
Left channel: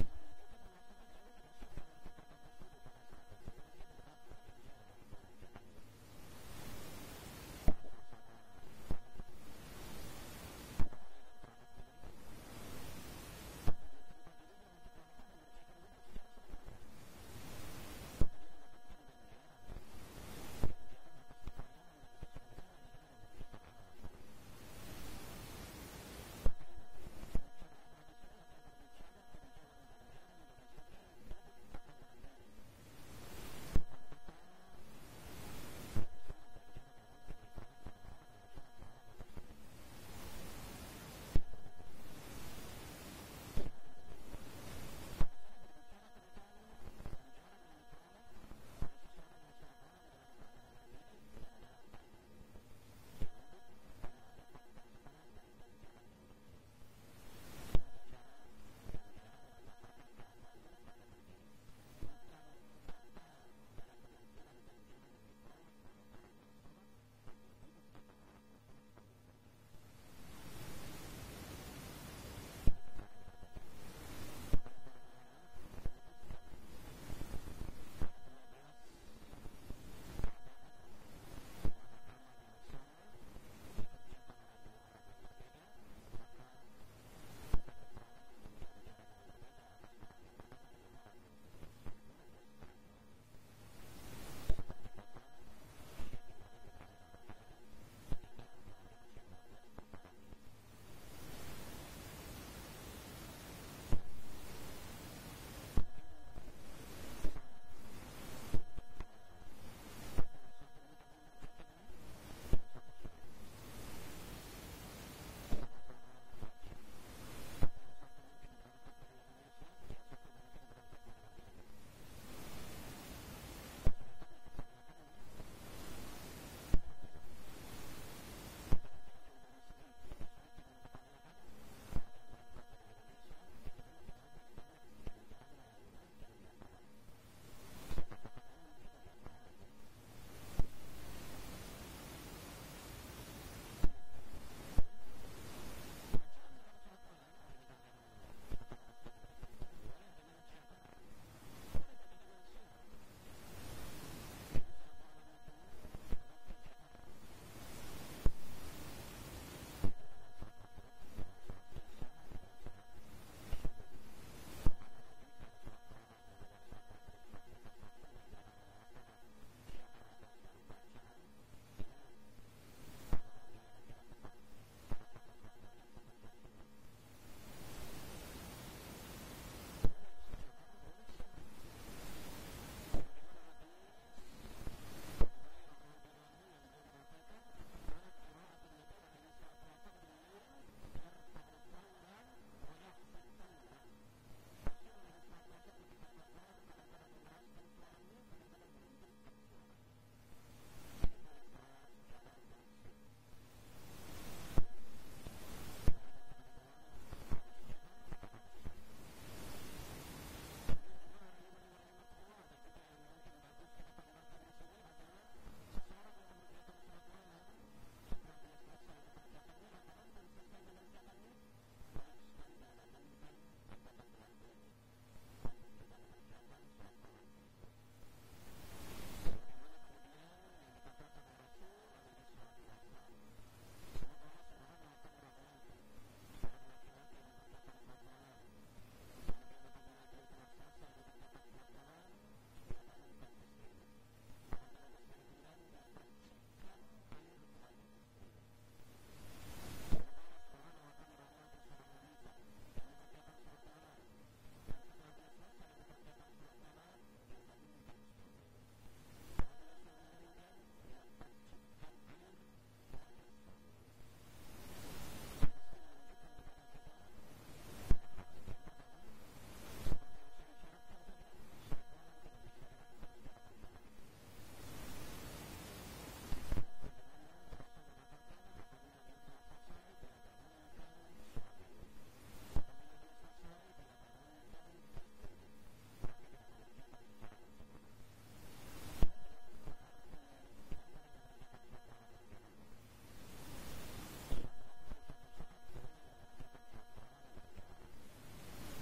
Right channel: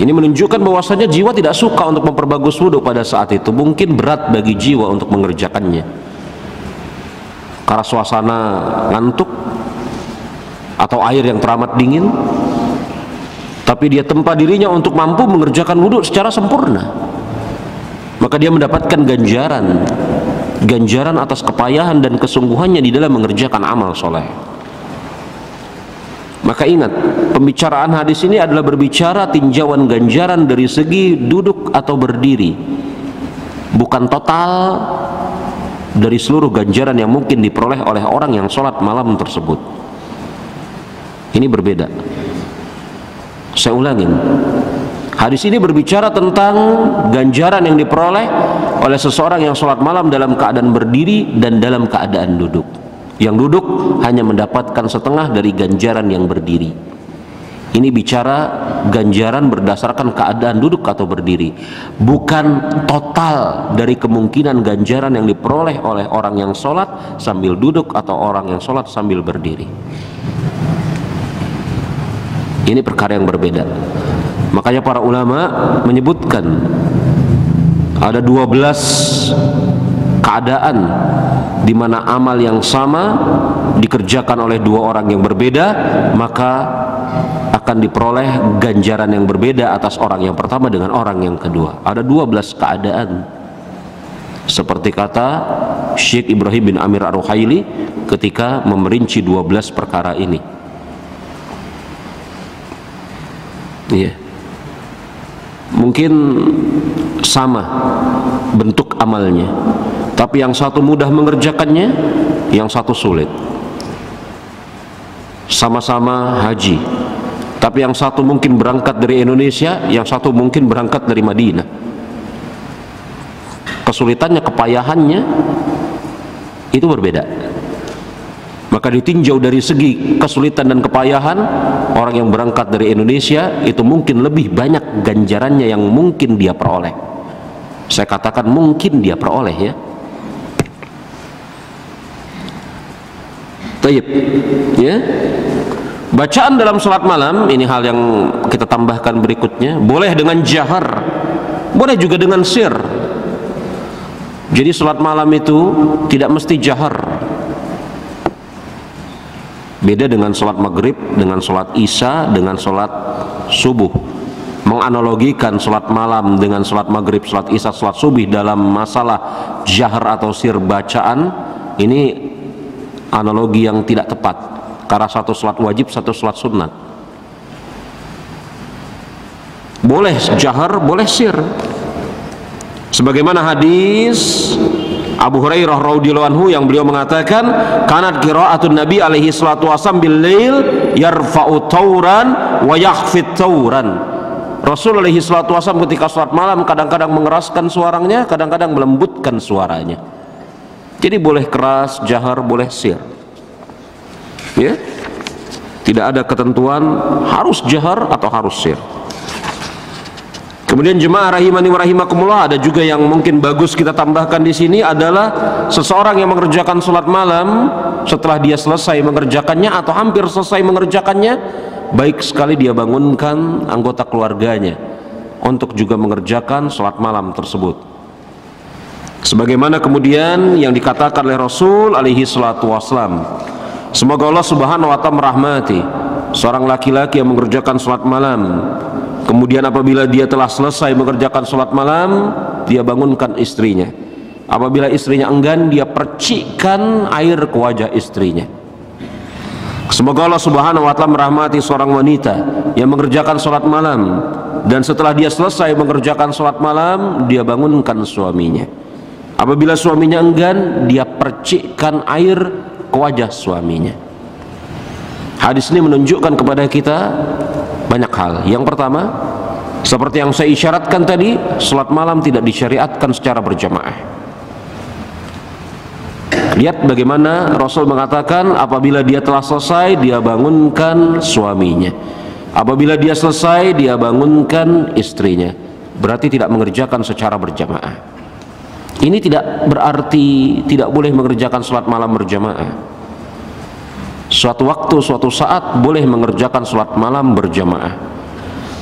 Ini menunjukkan bahwasanya jiwa tidak suka untuk memperbagus wudu pada saat itu. Mungkin berat bagi jiwa untuk mengerjakannya karena suasana ngantuk atau air yang teramat dingin. Tapi dia tempa dirinya untuk mampu mengerjakan wudu secara sempurna, maka dia mendapatkan ganjaran ganjaran atas kepayahan dan kesungguhannya di dalam mengerjakan amal soleh. Maka ingat, pembicaraan hadis ini adalah berbicara tinjauan ganjaran dari segi duduk atau berdiri, bukan total dari seluruh ganjaran yang mungkin diperoleh oleh orang yang sholat malam tersebut. Ini berbeda. Saya ulangin, hadis ini berbicara tentang ganjaran yang diperoleh oleh seseorang yang sholat malam dalam keadaan berdiri dan dalam keadaan duduk. Yang duduk hanya mendapatkan setengah dari ganjaran yang berdiri. Ini bicara ganjaran berdasarkan keadaan duduk atau berdiri, bukan total dari kemungkinan ganjaran yang diperoleh oleh orang yang sholat sambil duduk atau orang yang sholat sambil berdiri. Ini perkara yang berbeda. Makanya para ulama menyebutkan ada 12 keadaan di mana amal yang sama dikerjakan oleh dua orang yang berbeda, maka akan diperoleh ganjaran yang berbeda atas orang yang pertama dengan orang yang kedua. Ada 12 keadaan, seperti kata Syekh Ibrahim bin Amir Ar-Ruhaili ketika memerinci 12 perkara ini. Iya. Mungkin sama bentuk amalnya, tapi yang satu mudah mengerjakannya, yang satu sulit. Sama-sama haji, tapi yang satu mungkin berangkat dari Indonesia, yang satu mungkin berangkat dari Madinah. Kesulitannya, kepayahannya itu berbeda. Maka ditinjau dari segi kesulitan dan kepayahan, orang yang berangkat dari Indonesia itu mungkin lebih banyak ganjarannya yang mungkin dia peroleh. Saya katakan mungkin dia peroleh, ya. Taib, ya. Bacaan dalam sholat malam, ini hal yang kita tambahkan berikutnya, boleh dengan jahar, boleh juga dengan sir. Jadi sholat malam itu tidak mesti jahar. Beda dengan sholat maghrib, dengan sholat isya, dengan sholat subuh. Menganalogikan sholat malam dengan sholat maghrib, sholat isya, sholat subuh dalam masalah jahar atau sir bacaan, ini analogi yang tidak tepat, karena satu sholat wajib, satu sholat sunnah. Boleh jahar, boleh sir. Sebagaimana hadis Abu Hurairah radhiyallahu anhu yang beliau mengatakan, kanat qiraatun Nabi alaihi salatu wasallam bil lail yarfa'u tauran wa yakhfid tauran. Rasul alaihi salatu wasallam ketika salat malam kadang-kadang mengeraskan suaranya, kadang-kadang melembutkan suaranya. Jadi boleh keras, jahar, boleh sir. Ya? Tidak ada ketentuan harus jahar atau harus sir. Kemudian jemaah rahimani wa rahimakumullah, ada juga yang mungkin bagus kita tambahkan di sini adalah seseorang yang mengerjakan sholat malam, setelah dia selesai mengerjakannya atau hampir selesai mengerjakannya, baik sekali dia bangunkan anggota keluarganya untuk juga mengerjakan sholat malam tersebut. Sebagaimana kemudian yang dikatakan oleh Rasul alaihi salatu wassalam, semoga Allah subhanahu wa ta'ala merahmati seorang laki-laki yang mengerjakan sholat malam, kemudian apabila dia telah selesai mengerjakan sholat malam, dia bangunkan istrinya. Apabila istrinya enggan, dia percikkan air ke wajah istrinya. Semoga Allah subhanahu wa ta'ala merahmati seorang wanita yang mengerjakan sholat malam, dan setelah dia selesai mengerjakan sholat malam, dia bangunkan suaminya. Apabila suaminya enggan, dia percikkan air ke wajah suaminya. Hadis ini menunjukkan kepada kita banyak hal. Yang pertama, seperti yang saya isyaratkan tadi, sholat malam tidak disyariatkan secara berjamaah. Lihat bagaimana Rasul mengatakan, apabila dia telah selesai, dia bangunkan suaminya. Apabila dia selesai, dia bangunkan istrinya. Berarti tidak mengerjakan secara berjamaah. Ini tidak berarti tidak boleh mengerjakan sholat malam berjamaah. Suatu waktu, suatu saat boleh mengerjakan sholat malam berjamaah,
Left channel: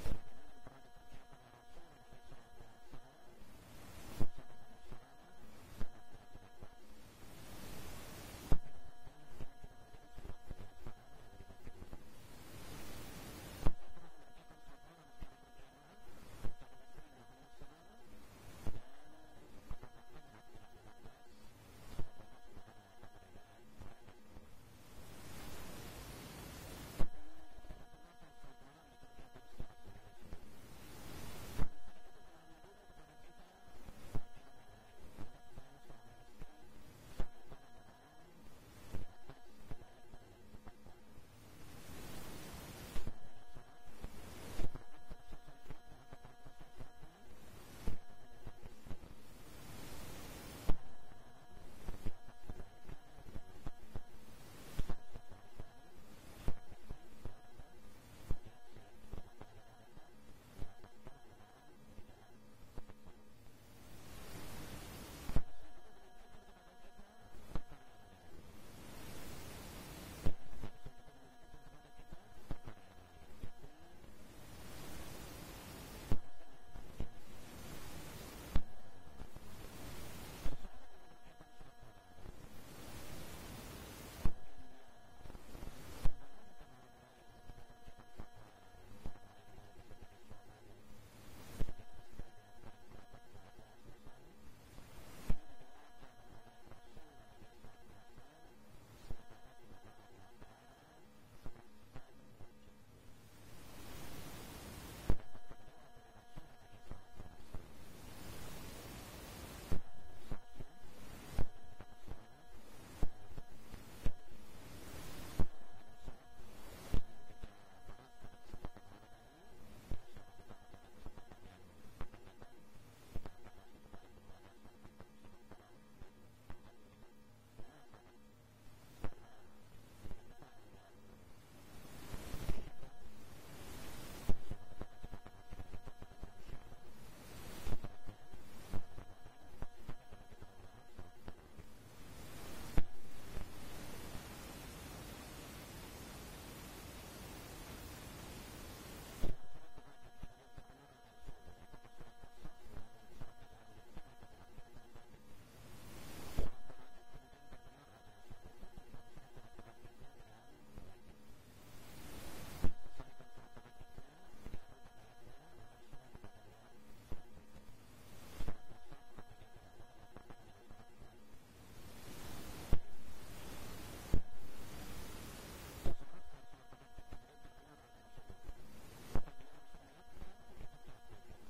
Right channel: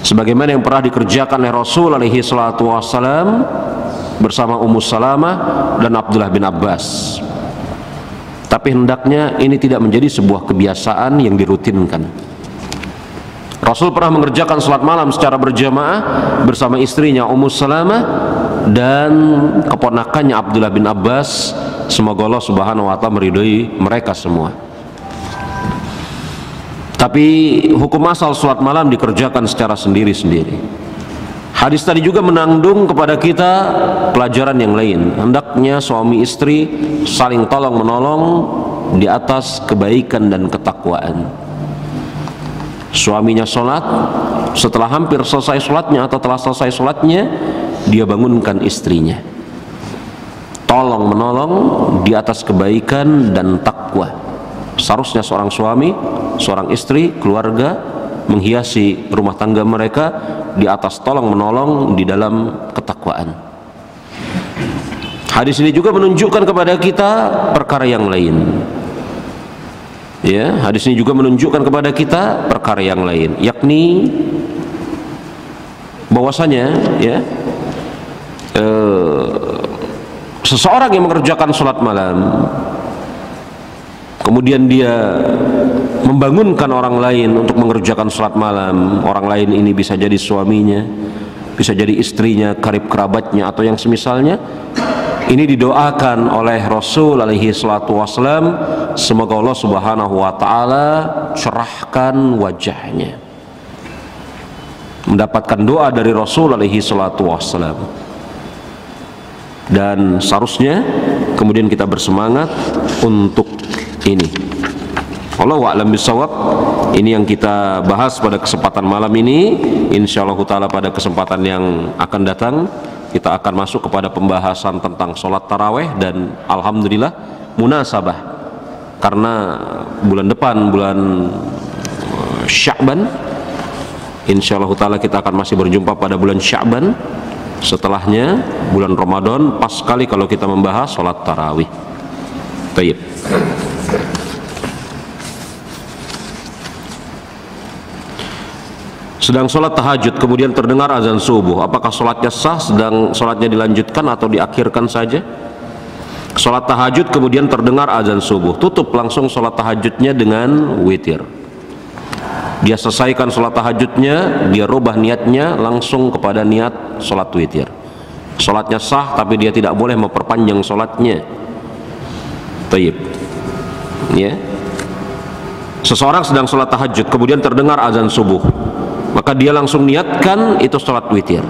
sebagaimana yang pernah dikerjakan oleh Rasul alaihi salatu wassalam bersama Ummu Salamah dan Abdullah bin Abbas. Tapi hendaknya ini tidak menjadi sebuah kebiasaan yang dirutinkan. Rasul pernah mengerjakan sholat malam secara berjamaah bersama istrinya Ummu Salamah dan keponakannya Abdullah bin Abbas Semoga Allah Subhanahu wa Ta'ala meridhoi mereka semua. Tapi hukum asal sholat malam dikerjakan secara sendiri-sendiri. Hadis tadi juga menandung kepada kita pelajaran yang lain. Hendaknya suami istri saling tolong menolong di atas kebaikan dan ketakwaan. Suaminya sholat, setelah hampir selesai sholatnya atau telah selesai sholatnya, dia bangunkan istrinya. Tolong menolong di atas kebaikan dan takwa. Seharusnya seorang suami, seorang istri, keluarga menghiasi rumah tangga mereka di atas tolong menolong di dalam ketakwaan. Hadis ini juga menunjukkan kepada kita perkara yang lain. Ya, hadis ini juga menunjukkan kepada kita perkara yang lain, yakni bahwasanya ya seseorang yang mengerjakan sholat malam kemudian dia membangunkan orang lain untuk mengerjakan sholat malam. Orang lain ini bisa jadi suaminya, bisa jadi istrinya, karib kerabatnya, atau yang semisalnya. Ini didoakan oleh Rasul alaihi salatu wassalam, semoga Allah Subhanahu wa Ta'ala cerahkan wajahnya. Mendapatkan doa dari Rasul alaihi salatu wassalam. Dan seharusnya kemudian kita bersemangat untuk ini. Wallahu a'lam bishawab. Ini yang kita bahas pada kesempatan malam ini. Insyaallah taala pada kesempatan yang akan datang kita akan masuk kepada pembahasan tentang sholat taraweh, dan alhamdulillah munasabah karena bulan depan bulan Sya'ban, insyaallah taala kita akan masih berjumpa pada bulan Sya'ban. Setelahnya bulan Ramadan, pas sekali kalau kita membahas sholat tarawih. Baik. Sedang sholat tahajud kemudian terdengar azan subuh, apakah sholatnya sah? Sedang sholatnya dilanjutkan atau diakhirkan saja? Sholat tahajud kemudian terdengar azan subuh, tutup langsung sholat tahajudnya dengan witir. Dia selesaikan sholat tahajudnya, dia rubah niatnya langsung kepada niat sholat witir. Sholatnya sah, tapi dia tidak boleh memperpanjang sholatnya. Taib. Ya. Seseorang sedang sholat tahajud kemudian terdengar azan subuh, maka dia langsung niatkan itu sholat witir.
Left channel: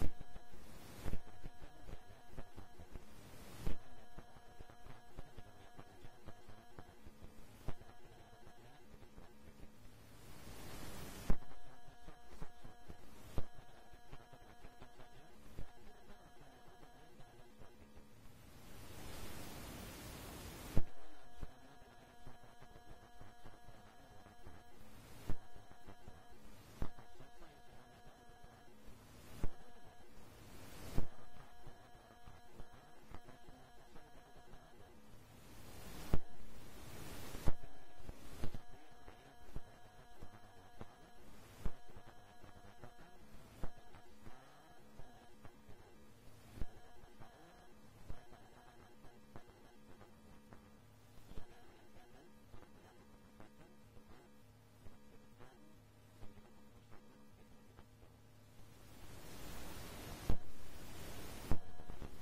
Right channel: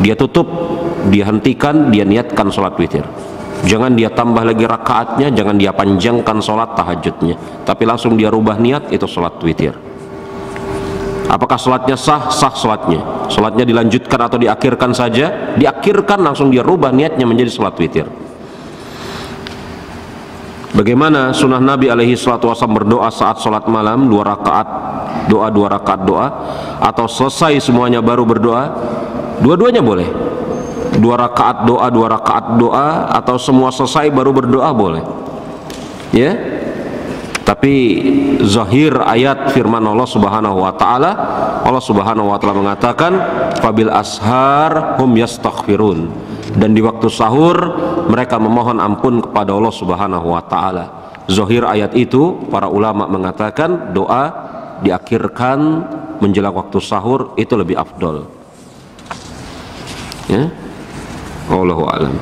Dia tutup, dia hentikan, dia niatkan sholat witir. Jangan dia tambah lagi rakaatnya, jangan dia panjangkan sholat tahajudnya, tapi langsung dia rubah niat itu sholat witir. Apakah sholatnya sah? Sah sholatnya. Sholatnya dilanjutkan atau diakhirkan saja? Diakhirkan, langsung dia rubah niatnya menjadi sholat witir. Bagaimana sunnah Nabi alaihi salatu wasallam berdoa saat sholat malam, 2 rakaat doa, 2 rakaat doa, atau selesai semuanya baru berdoa? Dua-duanya boleh. 2 rakaat doa, 2 rakaat doa, atau semua selesai baru berdoa boleh. Ya. Tapi zahir ayat firman Allah Subhanahu wa Ta'ala, Allah Subhanahu wa Ta'ala mengatakan fabil ashar hum yastaghfirun, dan di waktu sahur mereka memohon ampun kepada Allah Subhanahu wa Ta'ala. Zahir ayat itu para ulama mengatakan doa diakhirkan menjelang waktu sahur itu lebih afdol. Ya, wallahu a'lam.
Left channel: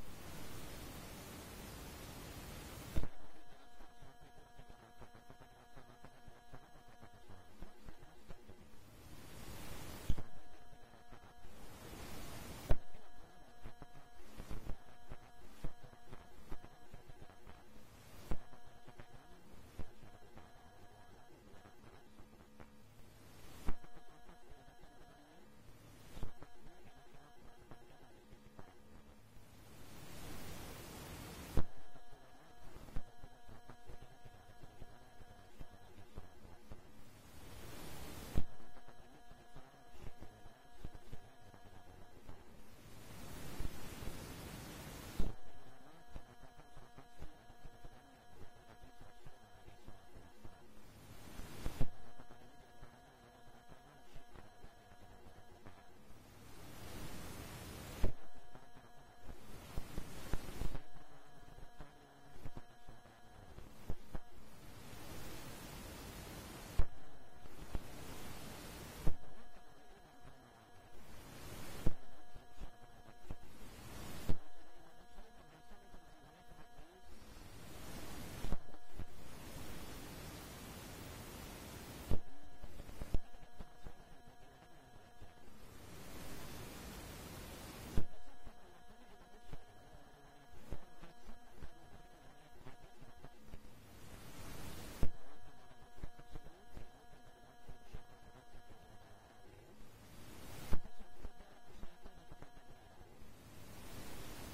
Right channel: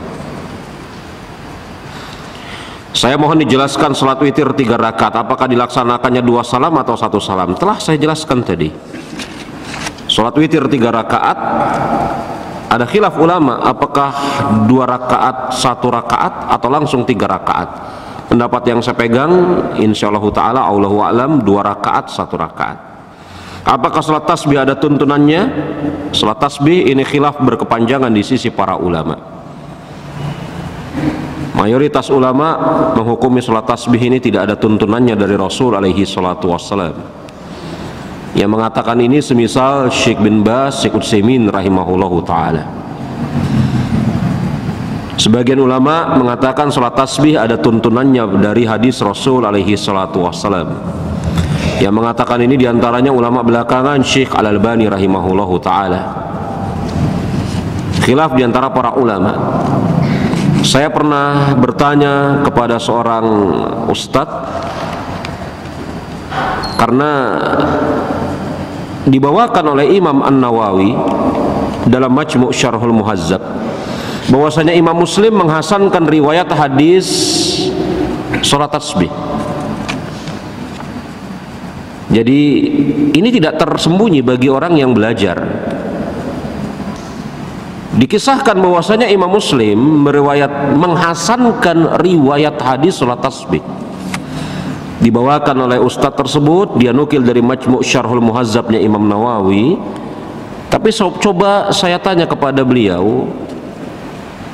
Saya mohon dijelaskan salat witir 3 rakaat, apakah dilaksanakannya 2 salam atau 1 salam? Telah saya jelaskan tadi. Salat witir 3 rakaat ada khilaf ulama, apakah 2 rakaat 1 rakaat atau langsung 3 rakaat. Pendapat yang saya pegang insyaallah taala Allahu a'lam 2 rakaat 1 rakaat. Apakah salat tasbih ada tuntunannya? Salat tasbih ini khilaf berkepanjangan di sisi para ulama. Mayoritas ulama menghukumi salat tasbih ini tidak ada tuntunannya dari Rasul alaihi salatu wassalam. Yang mengatakan ini semisal Syekh bin Baz, Syekh Utsaimin rahimahullahu taala. Sebagian ulama mengatakan salat tasbih ada tuntunannya dari hadis Rasul alaihi salatu wassalam. Yang mengatakan ini diantaranya ulama belakangan Syekh Al-Albani rahimahullahu taala. Khilaf diantara para ulama. Saya pernah bertanya kepada seorang ustadz, karena dibawakan oleh Imam An-Nawawi dalam Majmu' Syarhul Muhazzab bahwasanya Imam Muslim menghasankan riwayat hadis salat tasbih. Jadi ini tidak tersembunyi bagi orang yang belajar. Dikisahkan bahwasanya Imam Muslim menghasankan riwayat hadis salat tasbih. Dibawakan oleh ustadz tersebut, dia nukil dari Majmu' Syarhul Muhazzabnya Imam Nawawi. Tapi coba saya tanya kepada beliau,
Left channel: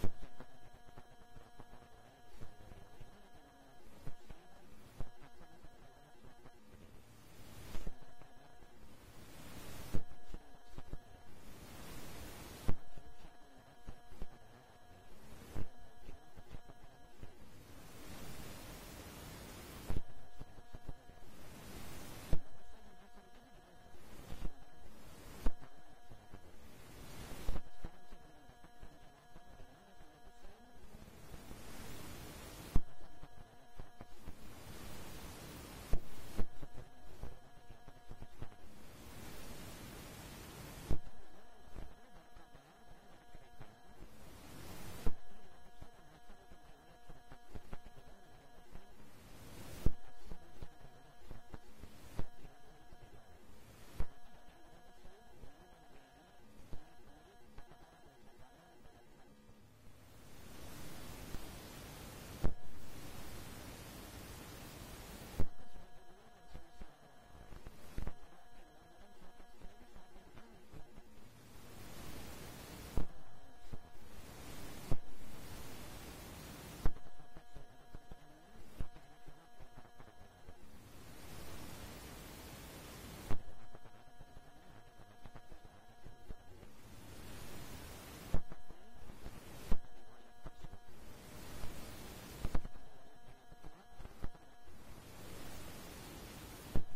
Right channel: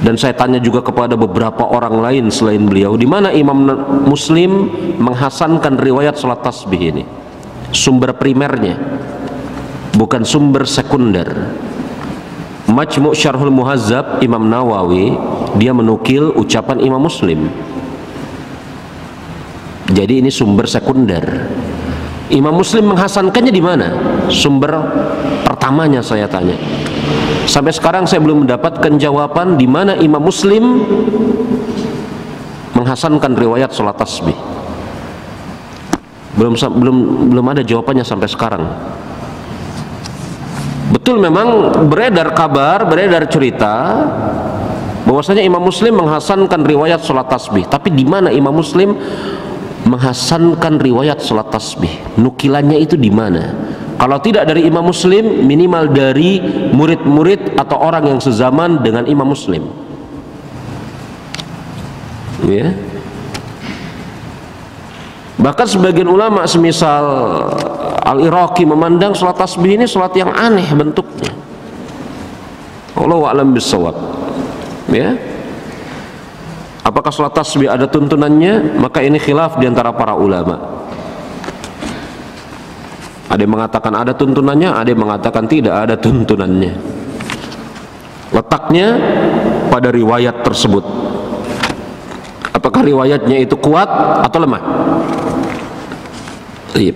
dan saya tanya juga kepada beberapa orang lain selain beliau, di mana Imam Muslim menghasankan riwayat salat tasbih ini? Sumber primernya, bukan sumber sekunder. Majmu' Syarhul Muhazzab Imam Nawawi, dia menukil ucapan Imam Muslim. Jadi ini sumber sekunder. Imam Muslim menghasankannya di mana? Sumber pertamanya saya tanya. Sampai sekarang saya belum mendapatkan jawaban di mana Imam Muslim menghasankan riwayat salat tasbih. Belum ada jawabannya sampai sekarang. Betul, memang beredar kabar, beredar cerita bahwasanya Imam Muslim menghasankan riwayat salat tasbih. Tapi di mana Imam Muslim menghasankan riwayat salat tasbih? Nukilannya itu di mana? Kalau tidak dari Imam Muslim, minimal dari murid-murid atau orang yang sezaman dengan Imam Muslim. Ya. Bahkan sebagian ulama semisal Al-Iraqi memandang salat tasbih ini salat yang aneh bentuknya. Allahu a'lam bissawab. Ya. Apakah salat tasbih ada tuntunannya? Maka ini khilaf di antara para ulama. Ada yang mengatakan ada tuntunannya, ada yang mengatakan tidak ada tuntunannya. Letaknya pada riwayat tersebut. Apakah riwayatnya itu kuat atau lemah? Iya.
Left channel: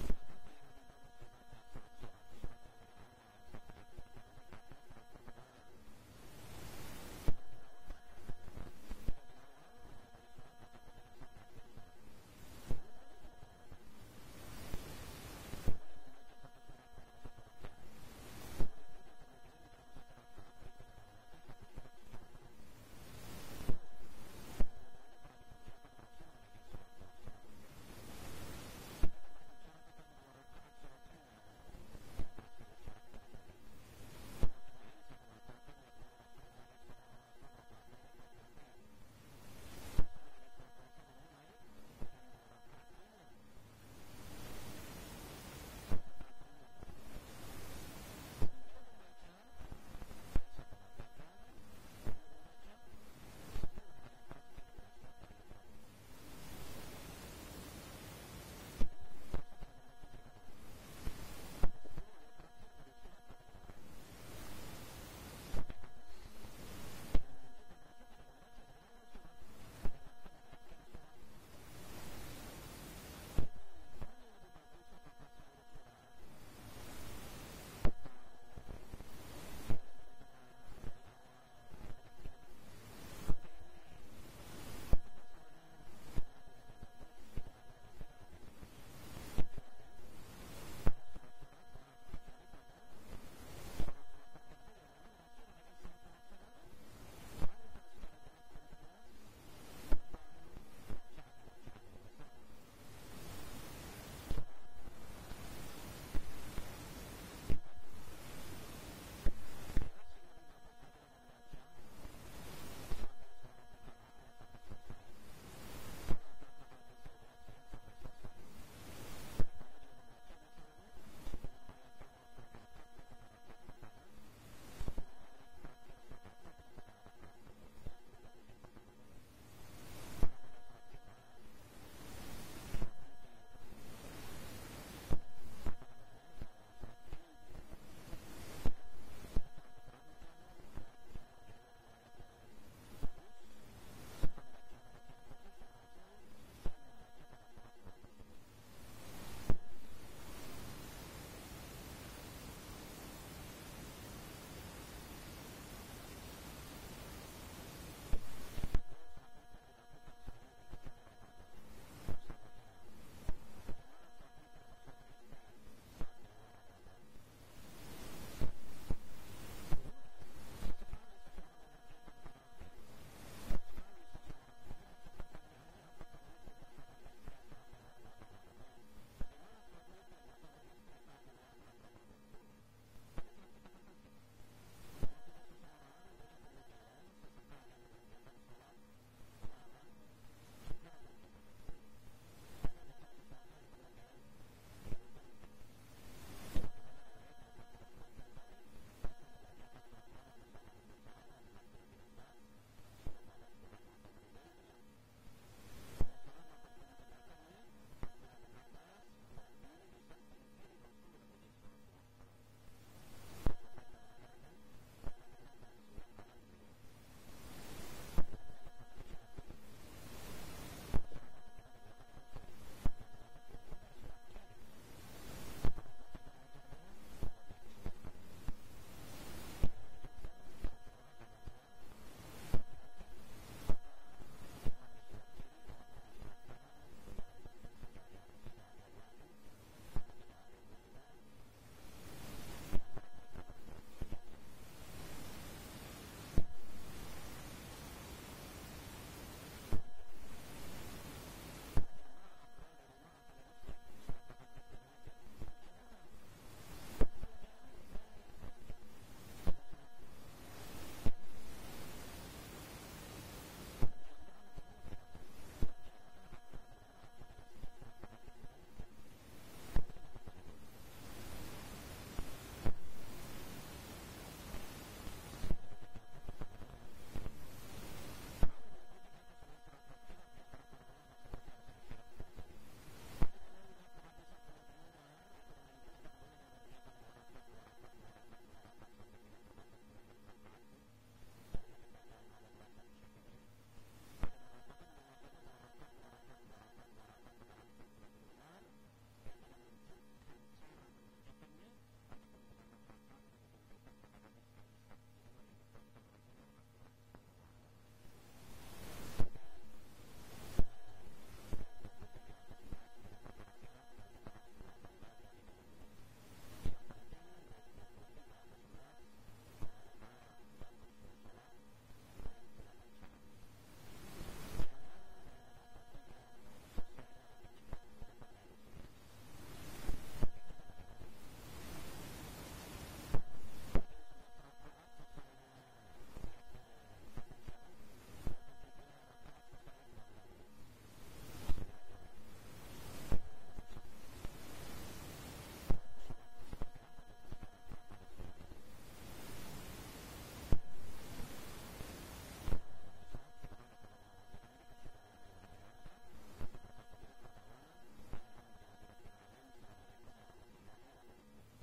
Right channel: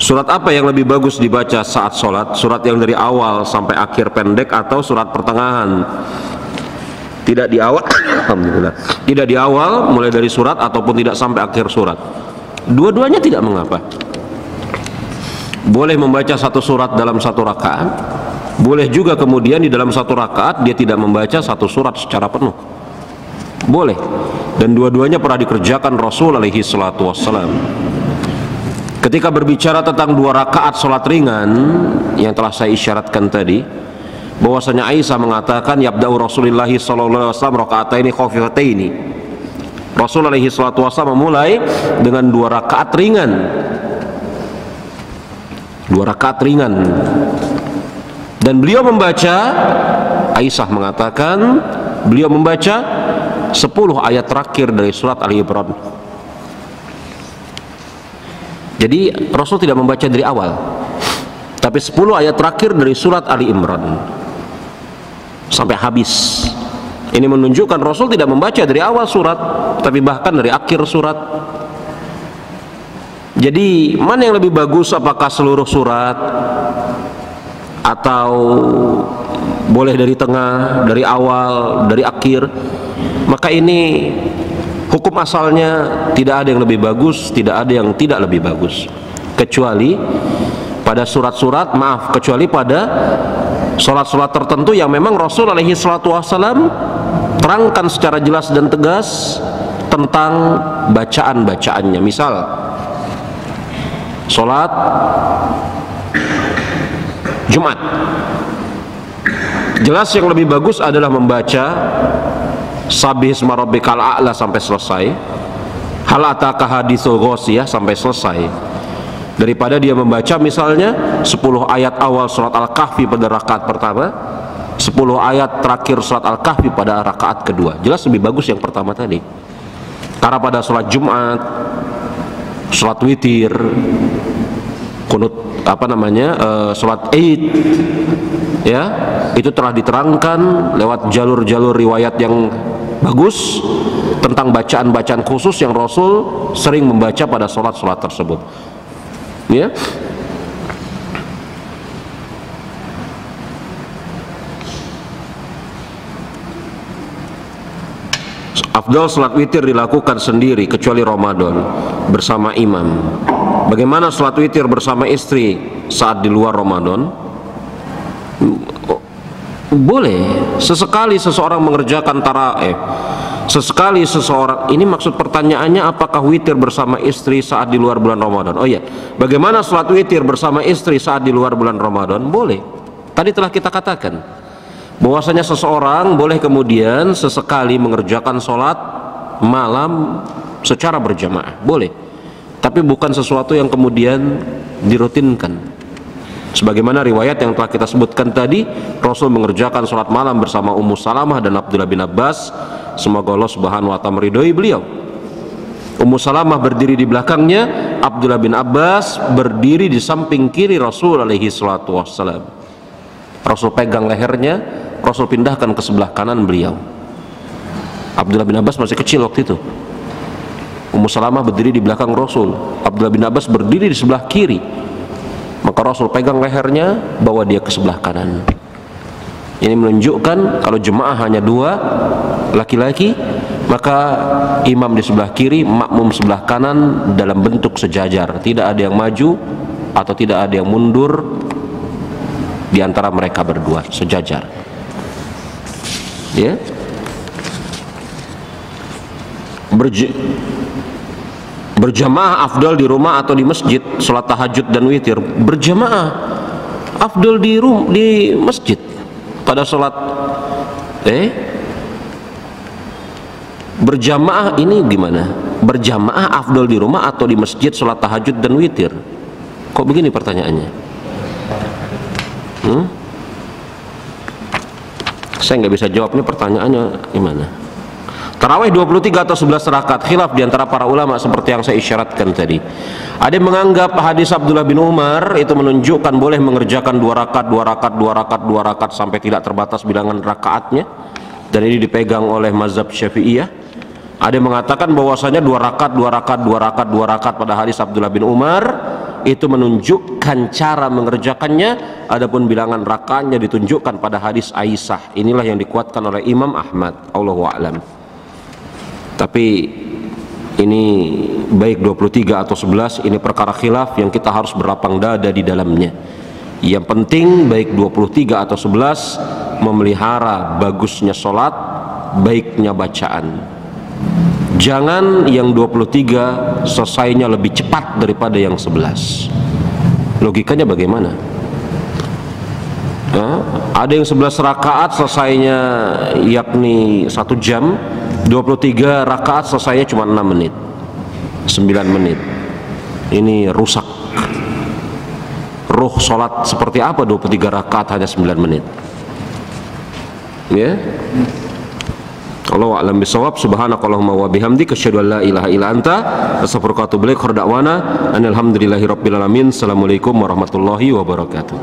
Surat apa yang lebih bagus dibaca saat sholat? Surat yang dari awal sampai akhir pendek atau surat pertengahan? Tidak di awal, alhamdulillah. Tidak di awal mulai dari surat ataupun tidak sampai akhir surat. Dua-duanya tidak mengapa. Boleh membaca satu surat dalam satu rakaat. Boleh juga kemudian di dalam satu rakaat dia tidak membaca satu surat secara penuh. Boleh. Dan dua-duanya pernah dikerjakan Rasul alaihi salatu wassalam. Ketika berbicara tentang dua rakaat sholat ringan yang telah saya isyaratkan tadi, bahwasanya Aisyah mengatakan yabda'u Rasulullah sallallahu alaihi wasallam rakaataini khafifataini. Rasul alaihi salatu wasallam memulai dengan dua rakaat ringan. Dua rakaat ringan. Dan beliau membaca, Aisyah mengatakan beliau membaca 10 ayat terakhir dari surat Ali Imran. Jadi Rasul tidak membaca dari awal, tapi 10 ayat terakhir dari surat Ali Imran sampai habis. Ini menunjukkan Rasul tidak membaca dari awal surat, tapi bahkan dari akhir surat. Jadi mana yang lebih bagus, apakah seluruh surat atau boleh dari tengah, dari awal, dari akhir? Maka ini hukum asalnya tidak ada yang lebih bagus, tidak ada yang tidak lebih bagus, kecuali pada surat-surat, kecuali pada sholat-sholat tertentu yang memang Rasul alaihi salatu wassalam terangkan secara jelas dan tegas tentang bacaan-bacaannya. Misal sholat Jumat, jelas yang lebih bagus adalah membaca Sabih isma rabbikal a'la sampai selesai, hal ataka haditsul ghasyiyah sampai selesai, daripada dia membaca misalnya 10 ayat awal surat Al-Kahfi pada rakaat pertama, 10 ayat terakhir surat Al-Kahfi pada rakaat kedua. Jelas lebih bagus yang pertama tadi. Karena pada sholat Jumat, sholat witir, kunut sholat Id, ya, itu telah diterangkan lewat jalur-jalur riwayat yang bagus tentang bacaan-bacaan khusus yang Rasul sering membaca pada sholat-sholat tersebut. Ya. Afdal salat witir dilakukan sendiri kecuali Ramadan bersama imam. Bagaimana salat witir bersama istri saat di luar Ramadan? Boleh, sesekali seseorang mengerjakan tarawih. Sesekali seseorang, ini maksud pertanyaannya apakah witir bersama istri saat di luar bulan Ramadan? Oh iya, bagaimana salat witir bersama istri saat di luar bulan Ramadan? Boleh. Tadi telah kita katakan bahwasanya seseorang boleh kemudian sesekali mengerjakan sholat malam secara berjamaah, boleh, tapi bukan sesuatu yang kemudian dirutinkan. Sebagaimana riwayat yang telah kita sebutkan tadi, Rasul mengerjakan sholat malam bersama Ummu Salamah dan Abdullah bin Abbas, semoga Allah subhanahu wa ta'ala meridhoi beliau. Ummu Salamah berdiri di belakangnya, Abdullah bin Abbas berdiri di samping kiri Rasul alaihi salatu wassalam. Rasul pegang lehernya, Rasul pindahkan ke sebelah kanan beliau. Abdullah bin Abbas masih kecil waktu itu. Ummu Salamah berdiri di belakang Rasul, Abdullah bin Abbas berdiri di sebelah kiri. Maka Rasul pegang lehernya, bawa dia ke sebelah kanan. Ini menunjukkan kalau jemaah hanya 2 laki-laki, maka imam di sebelah kiri, makmum sebelah kanan dalam bentuk sejajar. Tidak ada yang maju atau tidak ada yang mundur di antara mereka berdua, sejajar. Ya. Berjamaah afdal di rumah atau di masjid, sholat tahajud dan witir. Berjamaah afdal di masjid pada sholat berjamaah ini gimana? Berjamaah afdal di rumah atau di masjid sholat tahajud dan witir? Kok begini pertanyaannya? Saya nggak bisa jawabnya, pertanyaannya gimana. Tarawih 23 atau 11 rakaat, khilaf di antara para ulama seperti yang saya isyaratkan tadi. Ada yang menganggap hadis Abdullah bin Umar itu menunjukkan boleh mengerjakan 2 rakaat, 2 rakaat, 2 rakaat, 2 rakaat sampai tidak terbatas bilangan rakaatnya, dan ini dipegang oleh mazhab Syafi'iyah. Ada yang mengatakan bahwasanya 2 rakaat, 2 rakaat, 2 rakaat, 2 rakaat pada hadis Abdullah bin Umar itu menunjukkan cara mengerjakannya, adapun bilangan rakaatnya ditunjukkan pada hadis Aisyah. Inilah yang dikuatkan oleh Imam Ahmad, Allahu a'lam. Tapi ini baik 23 atau 11, ini perkara khilaf yang kita harus berlapang dada di dalamnya. Yang penting baik 23 atau 11 memelihara bagusnya sholat, baiknya bacaan. Jangan yang 23 selesainya lebih cepat daripada yang 11. Logikanya bagaimana? Ada yang 11 rakaat selesainya yakni 1 jam, 23 rakaat selesainya cuma 6 menit, 9 menit. Ini rusak. Ruh sholat seperti apa 23 rakaat hanya 9 menit? Ya. Allahu a'lam bishawab. Subhanakallahumma wa bihamdika asyhadu an la ilaha illa anta astaghfiruka wa atubu ilaik. Khairu da'wana alhamdulillahi rabbil alamin. Assalamualaikum warahmatullahi wabarakatuh.